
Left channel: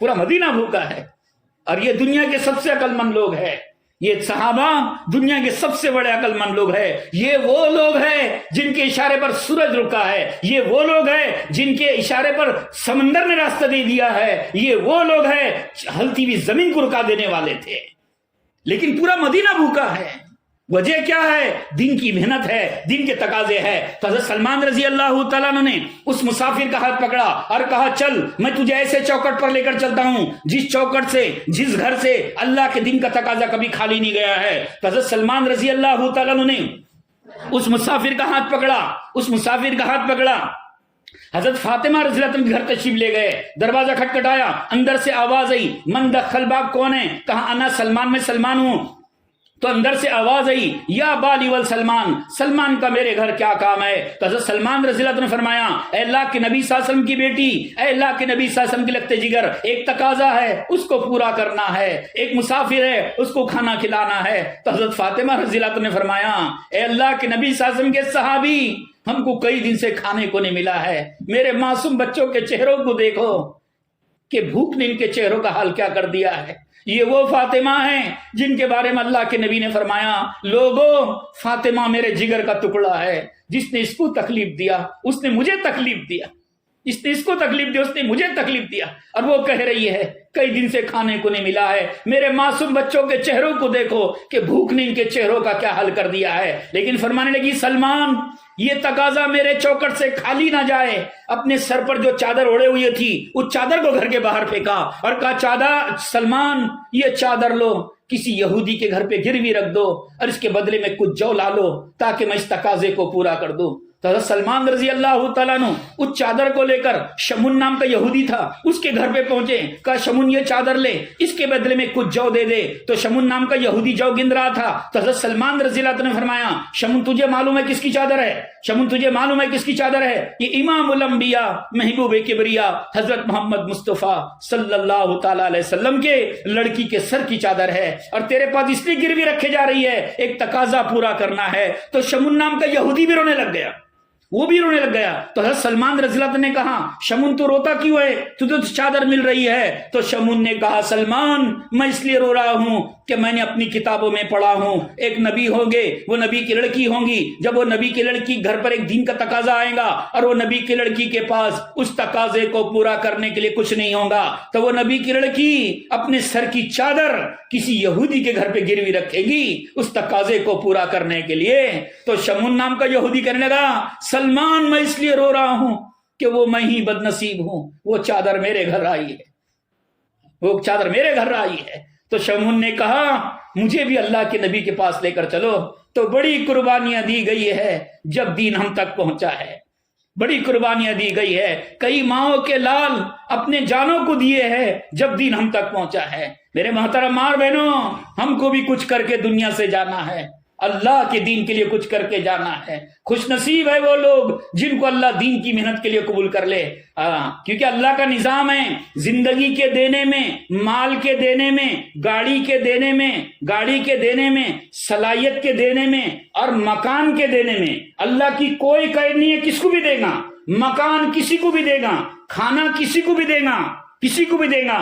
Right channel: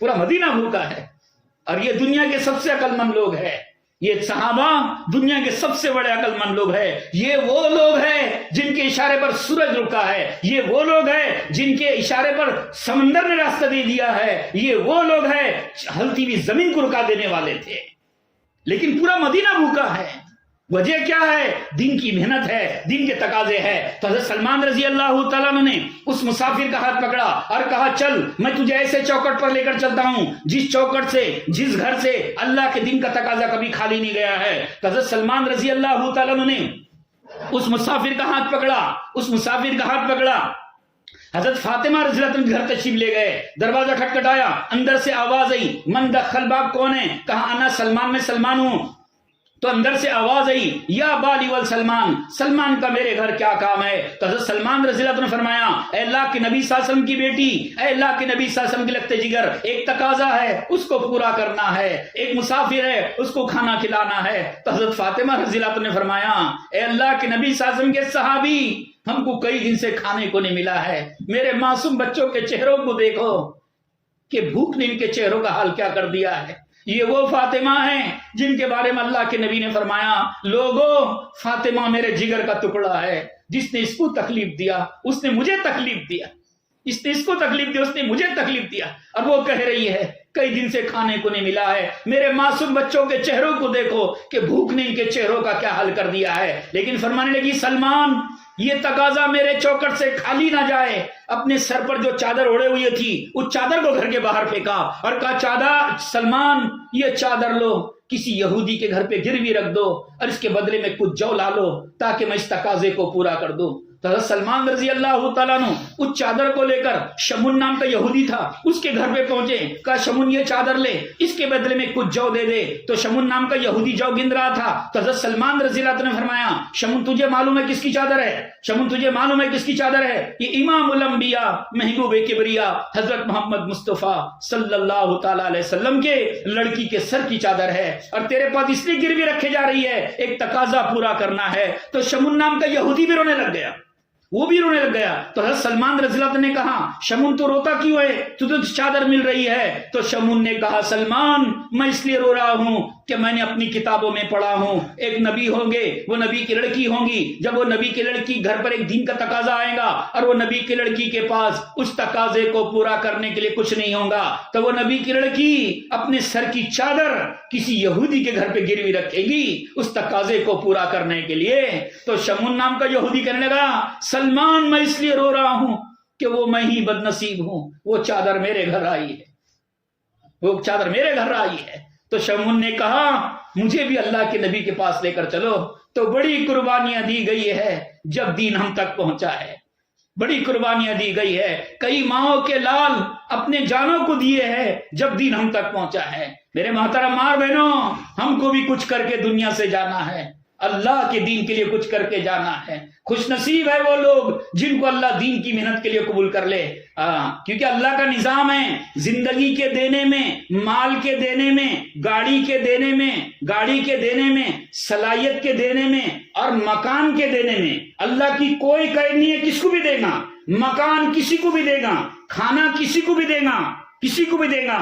پورا مدینہ بھوکا ہے، اور یہ دنیا کے سب سے عقل مند لوگ ہیں، یہ صحابہ دنیا کے سب سے بڑے عقل مند لوگ ہیں، یہ وہ لوگ ہیں جن کے اشارے پر سورج رکا ہے، یہ وہ لوگ ہیں جن کے اشارے پر سمندر نے راستہ دے دیا ہے، یہ وہ لوگ ہیں ہلتی ہوئی زمین کو رکا دینے والے تھے، لیکن پورا مدینہ بھوکا ہے۔ وجہ کیا ہے؟ دین کی محنت ہے، دین کے تقاضے ہے۔ تو حضرت سلمان رضی اللہ تعالیٰ عنہ نے اس مسافر کا ہاتھ پکڑا اور کہا چل میں تجھے ایسے چوکٹ پر لے کر چلتا ہوں جس چوکٹ سے جس گھر سے اللہ کے دین کا تقاضا کبھی خالی نہیں گیا ہے۔ تو حضرت سلمان رضی اللہ تعالیٰ عنہ نے اس مسافر کا ہاتھ پکڑا، حضرت فاطمہ رضی اللہ عنہ گھر تشریف لے گئے، دروازہ کھٹکھٹایا، اندر سے آواز آئی من دخل باب کون ہے؟ کہا انا سلمان، میں سلمان ہوں۔ تو اندر سے آواز آئی یا بالی ول سلمان، سلمان کا میرے گھر کیا کام ہے؟ تو حضرت سلمان رضی اللہ عنہ نے فرمایا اے اللہ کے نبی صلی اللہ علیہ وسلم کی بیٹی، اے اللہ کے نبی صلی اللہ علیہ وسلم کے لگتے جگر، ایک تقاضا ہے اس کو پورا کرنا ہے، ایک مسافر ہے اس کو کھانا کھلانا ہے۔ تو حضرت فاطمہ رضی اللہ عنہ نے فرمایا اے اللہ کے نبی صلی اللہ علیہ وسلم کے صحابی، ہم کو کئی دن سے کھانے کو نہیں ملا ہے، میرے معصوم بچوں کے چہروں کو دیکھو کہ بھوک نے ان کے چہروں کا حال کیا کر دیا ہے۔ یہ وہ فاطمہ ہیں جن کے بارے میں اللہ کے نبی نے فرمایا لوگوں فاطمہ میرے جگر کا ٹکڑا ہے، جس نے اس کو تکلیف دیا اس نے مجھے تکلیف دیا، اس نے اس کو تکلیف دیا اس نے مجھے تکلیف دیا۔ اور وہ کہہ رہی ہے کئی دن سے کھانے کو نہیں ملا ہے، میرے معصوم بچوں کے چہروں کو دیکھو کہ بھوک نے ان کے چہروں کا کیا حل کر دیا ہے۔ لیکن فرمانے لگی سلمان یہ تقاضا میرے چوکٹ سے خالی نہ جائے۔ اپنے سر پر جو چادر اوڑے ہوئی تھی اس چادر کو گھر کے باہر پھینکا اور کہا چادر سلمان یہ چادر لو، کسی یہودی کے گھر پہ گروی رکھ دو اور اس کے بدلے میں کچھ جو لا لو تاکہ میں اس تقاضے کو پورا کر دوں۔ تو حضرت سلمان رضی اللہ تعالیٰ عنہ اس چادر کو لے کر شمون نام کا یہودی تھا اس کے گھر پہ پہنچے، کہا شمون یہ چادر لے، اس کے بدلے میں کچھ جو دے دے۔ تو شمون نام کا یہودی جو گن رہا تھا، تو حضرت سلمان رضی اللہ عنہ نے فرمایا شمون تجھے معلوم ہے کس کی چادر ہے؟ شمون تجھے معلوم ہے کس کی چادر ہے؟ یہ امام الانبیاء محبوب کبریا حضرت محمد مصطفیٰ صلی اللہ تعالیٰ علیہ وسلم کے لڑکی کے سر کی چادر ہے، اور تیرے پاس اس لیے گروی رکھے جا رہی ہے ایک تقاضا پورا کرنا ہے۔ تو شمون نام کا یہودی بھی رونے لگ گیا، وہ بھی رونے لگ گیا۔ تو حضرت سلمان رضی اللہ عنہ نے کہا شمون تو روتا کیوں ہے، تجھے چادر مل رہی ہے؟ تو شمون نے کہا سلمان میں اس لیے رو رہا ہوں کہ میں نے اپنی کتابوں میں پڑھا ہوں ایک نبی ہوں گے، وہ نبی کی لڑکی ہوں گی، جب وہ نبی کی لڑکی گھر پر ایک دین کا تقاضا آئے گا اور وہ نبی کی لڑکی کے پاس اس تقاضے کو پورا کرنے کے لیے کچھ نہیں ہوگا، تو وہ نبی کی لڑکی اپنے سر کی چادر کسی یہودی کے گھر پہ گروی رکھے گی اس تقاضے کو پورا کرنے کے لیے۔ تو شمون نام کا یہودی کہنے لگا سلمان میں اس لیے رو رہا ہوں کہ وہ میں ہی بد نصیب ہوں، وہ چادر میرے گھر آئی ہے، وہ چادر میرے گھر آئی ہے۔ تو شمون نے کہا مجھے بھی اللہ کے نبی کے پاس لے کر چلو۔ تو بڑی قربانیاں دی گئی ہے جب دین ہم تک پہنچا ہے، بڑی قربانیاں دی گئی ہے، کئی ماؤں کے لال اپنے جانوں کو دیے ہیں جب دین ہم تک پہنچا ہے۔ میرے محترم ماں بہنوں ہم کو بھی کچھ کر کے دنیا سے جانا ہے، اللہ کے دین کے لیے کچھ کر کے جانا ہے۔ خوش نصیب ہے وہ لوگ جن کو اللہ دین کی محنت کے لیے قبول کر لے، کیونکہ اللہ کا نظام ہے زندگی کے دینے میں، مال کے دینے میں، گاڑی کے دینے میں، گاڑی کے دینے میں، صلاحیت کے دینے میں اور مکان کے دینے میں اللہ کی کوئی قید نہیں ہے، کس کو بھی دے گا، مکان کسی کو بھی دے گا، کھانا کسی کو بھی دے گا، کسی کو بھی دے گا،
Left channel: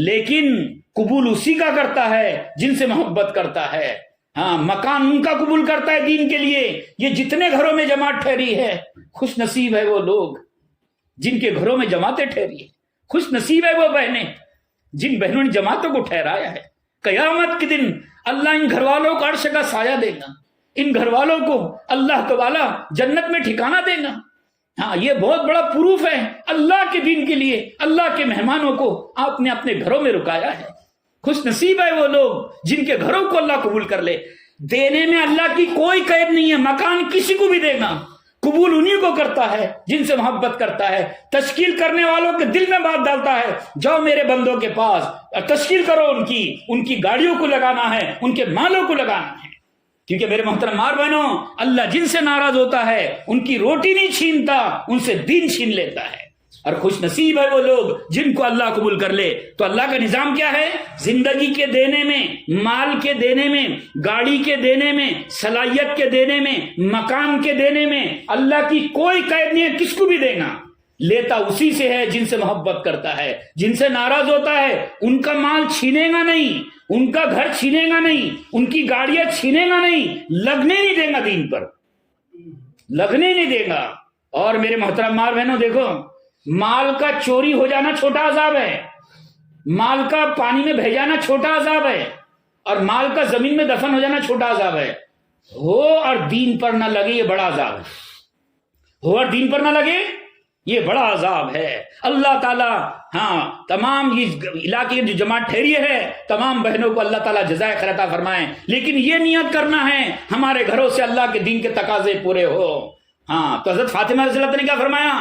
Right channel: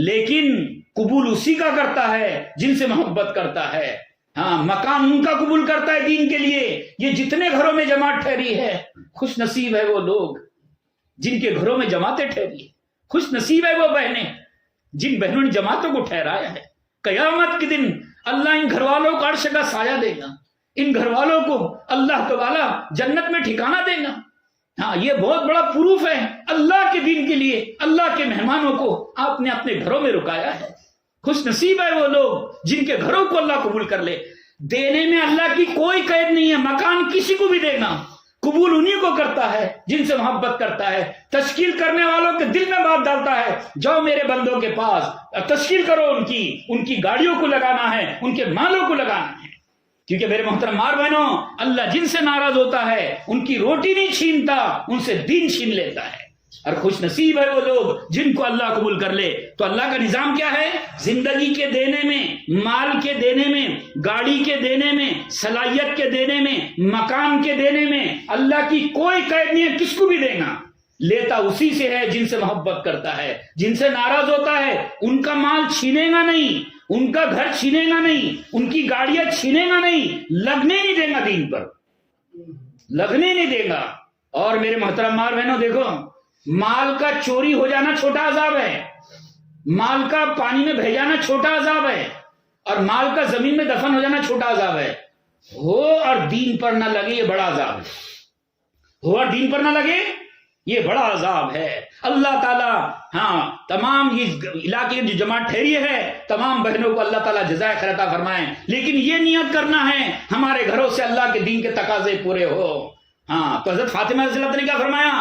لیکن قبول اسی کا کرتا ہے جن سے محبت کرتا ہے۔ ہاں مکان ان کا قبول کرتا ہے دین کے لیے۔ یہ جتنے گھروں میں جماعت ٹھہری ہے خوش نصیب ہے وہ لوگ جن کے گھروں میں جماعتیں ٹھہری ہے، خوش نصیب ہے وہ بہنیں جن بہنوں نے جماعتوں کو ٹھہرایا ہے۔ قیامت کے دن اللہ ان گھر والوں کو عرش کا سایہ دے گا، ان گھر والوں کو اللہ تعالیٰ جنت میں ٹھکانہ دے گا۔ ہاں یہ بہت بڑا پروف ہے اللہ کے دین کے لیے اللہ کے مہمانوں کو آپ نے اپنے گھروں میں رکایا ہے۔ خوش نصیب ہے وہ لوگ جن کے گھروں کو اللہ قبول کر لے۔ دینے میں اللہ کی کوئی قید نہیں ہے، مکان کسی کو بھی دے گا، قبول انہی کو کرتا ہے جن سے محبت کرتا ہے۔ تشکیل کرنے والوں کے دل میں بات ڈالتا ہے جاؤ میرے بندوں کے پاس اور تشکیل کرو، ان کی گاڑیوں کو لگانا ہے، ان کے مالوں کو لگانا ہے، کیونکہ میرے محترم ماں بہنوں اللہ جن سے ناراض ہوتا ہے ان کی روٹی نہیں چھینتا، ان سے دین چھین لیتا ہے۔ اور خوش نصیب ہے وہ لوگ جن کو اللہ قبول کر لے۔ تو اللہ کا نظام کیا ہے؟ زندگی کے دینے میں، مال کے دینے میں، گاڑی کے دینے میں، صلاحیت کے دینے میں، مکان کے دینے میں اللہ کی کوئی قید نہیں ہے، کس کو بھی دینا، لیتا اسی سے ہے جن سے محبت کرتا ہے۔ جن سے ناراض ہوتا ہے ان کا مال چھینے گا نہیں، ان کا گھر چھینے گا نہیں، ان کی گاڑیاں چھینے گا نہیں، لگنے نہیں دے گا، دین پر لگنے نہیں دے گا۔ اور میرے محترم ماں بہنوں دیکھو، مال کا چوری ہو جانا چھوٹا عذاب ہے، مال کا پانی میں بہہ جانا چھوٹا عذاب ہے، اور مال کا زمین میں دفن ہو جانا چھوٹا عذاب ہے، ہو اور دین پر نہ لگے یہ بڑا عذاب ہے، ہو اور دین پر نہ لگے یہ بڑا عذاب ہے۔ اللہ تعالیٰ تمام اس علاقے کی جو جماعت ٹھہری ہے تمام بہنوں کو اللہ تعالیٰ جزائے خیر عطا فرمائیں، لیکن یہ نیت کرنا ہے ہمارے گھروں سے اللہ کے دین کے تقاضے پورے ہو۔ تو حضرت فاطمہ رضی اللہ عنہ نے کیا فرمایا؟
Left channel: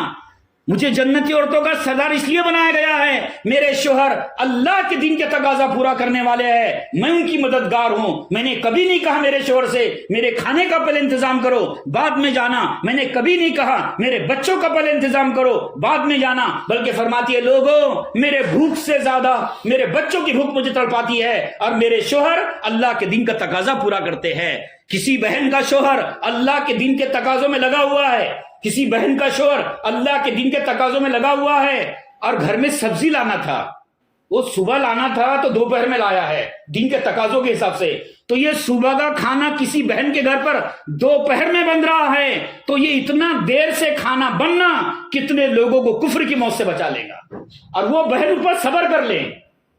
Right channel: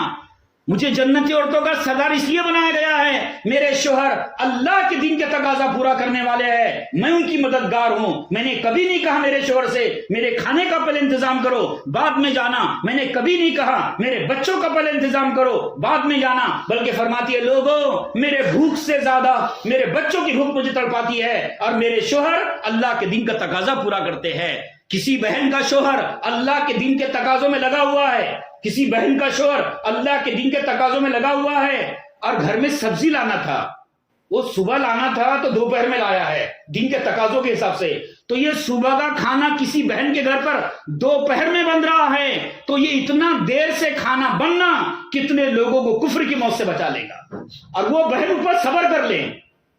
مجھے جنتی عورتوں کا سردار اس لیے بنایا گیا ہے، میرے شوہر اللہ کے دین کے تقاضا پورا کرنے والے ہیں، میں ان کی مددگار ہوں۔ میں نے کبھی نہیں کہا میرے شوہر سے میرے کھانے کا پہلے انتظام کرو بعد میں جانا، میں نے کبھی نہیں کہا میرے بچوں کا پہلے انتظام کرو بعد میں جانا، بلکہ فرماتی ہے لوگوں میرے بھوک سے زیادہ میرے بچوں کی بھوک مجھے تڑپاتی ہے، اور میرے شوہر اللہ کے دین کا تقاضا پورا کرتے ہیں۔ کسی بہن کا شوہر اللہ کے دین کے تقاضوں میں لگا ہوا ہے، کسی بہن کا شوہر اللہ کے دین کے تقاضوں میں لگا ہوا ہے، اور گھر میں سبزی لانا تھا، وہ صبح لانا تھا تو دوپہر میں لایا ہے دین کے تقاضوں کے حساب سے، تو یہ صبح کا کھانا کسی بہن کے گھر پر دوپہر میں بن رہا ہے، تو یہ اتنا دیر سے کھانا بننا کتنے لوگوں کو کفر کی موت سے بچا لے گا، اور وہ بہن اوپر صبر کر لے،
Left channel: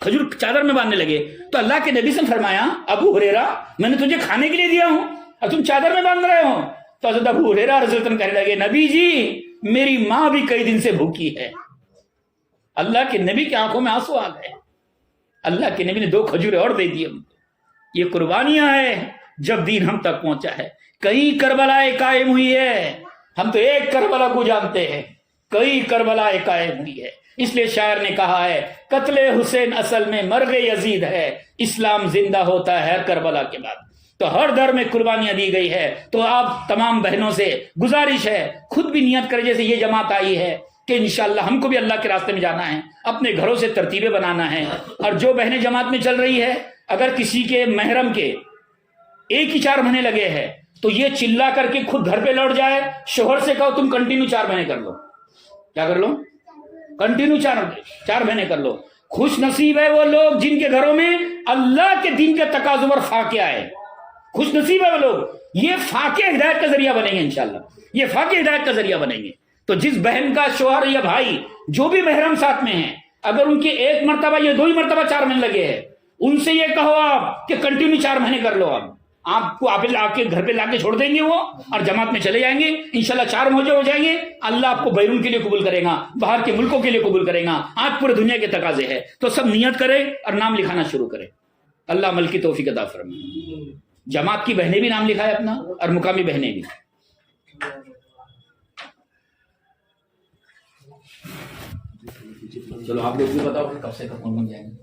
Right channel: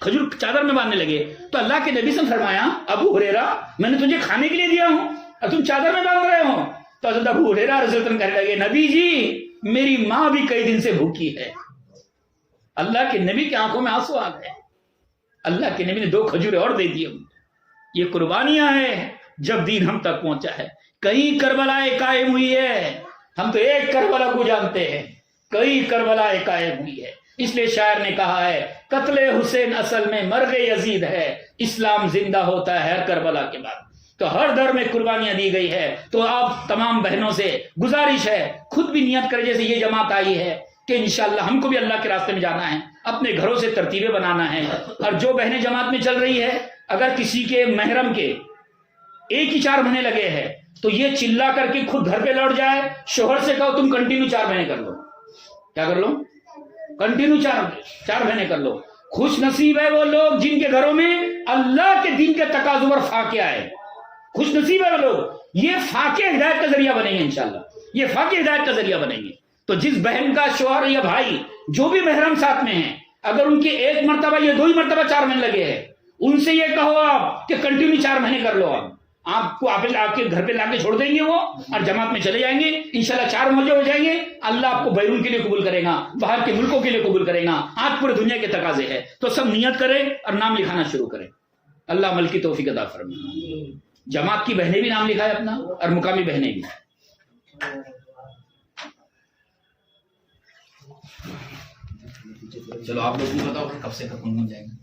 کھجور چادر میں باندھنے لگے تو اللہ کے نبی سے فرمایا ابو ہریرہ میں نے تجھے کھانے کے لیے دیا ہوں اور تم چادر میں باندھ رہے ہو؟ تو حضرت ابو ہریرہ رضی اللہ عنہ کہنے لگے نبی جی میری ماں بھی کئی دن سے بھوکی ہے۔ اللہ کے نبی کی آنکھوں میں آنسو آ گئے، اللہ کے نبی نے 2 کھجوریں اور دے دی۔ یہ قربانیاں ہیں جب دین ہم تک پہنچا ہے۔ کئی کربلائیں قائم ہوئی ہے، ہم تو ایک کربلا کو جانتے ہیں، کئی کربلائیں قائم ہوئی ہے۔ اس لیے شاعر نے کہا ہے قتل حسین اصل میں مرغ یزید ہے، اسلام زندہ ہوتا ہے ہر کربلا کے بعد۔ تو ہر در میں قربانیاں دی گئی ہے۔ تو آپ تمام بہنوں سے گزارش ہے خود بھی نیت کرے، جیسے یہ جماعت آئی ہے کہ انشاءاللہ ہم کو بھی اللہ کے راستے میں جانا ہے، اپنے گھروں سے ترتیبیں بنانا ہے۔ اور جو بہنیں جماعت میں چل رہی ہے، اگر کسی کے محرم کے 1 ہی 4 مہینے لگے ہیں تو یہ چلا کر کے خود گھر پہ لوٹ جائے، شوہر سے کہو تم کنٹینیو 4 مہینے کر لو۔ کیا کر لو؟ کنٹینیو 4 مہینے کر لو۔ خوش نصیب ہے وہ لوگ جن کے گھروں میں اللہ کے دین کے تقاضوں پر فاقے آئے، خوش نصیب ہے وہ لوگ، یہ فاقے ہدایت کا ذریعہ بنیں گے انشاءاللہ، یہ فاقے ہدایت کا ذریعہ بنیں گے۔ تو جس بہن کا شوہر یا بھائی جو بھی محرم ساتھ میں ہیں، اگر ان کے 1 مرتبہ یا 2 ہی مرتبہ 4 مہینے لگے ہیں، ان سے یہ کہو آپ کہ کنٹینیو 4 مہینے کر لو۔ آپ کو آپ کے گھر پہ لا کے چھوڑ دیں گے وہ، اور جماعت میں چلے جائیں گے، انشاءاللہ 4 موجے ہو جائیں گے۔ اللہ آپ کو بیرون کے لیے قبول کرے گا، باہر کے ملکوں کے لیے قبول کرے گا۔ آج پورے دنیا کے تقاضے ہے، تو سب نیت کرے اور نام لکھانا شروع کرے۔ اللہ عمل کی توفیق عطا فرمائے۔ جماعت کی بہنیں بھی نام لکھائے اپنا، اور مقامی بہنیں بھی۔ چلو آپ لوگ بھی بتاؤ کب سے کب بن جائیں گے۔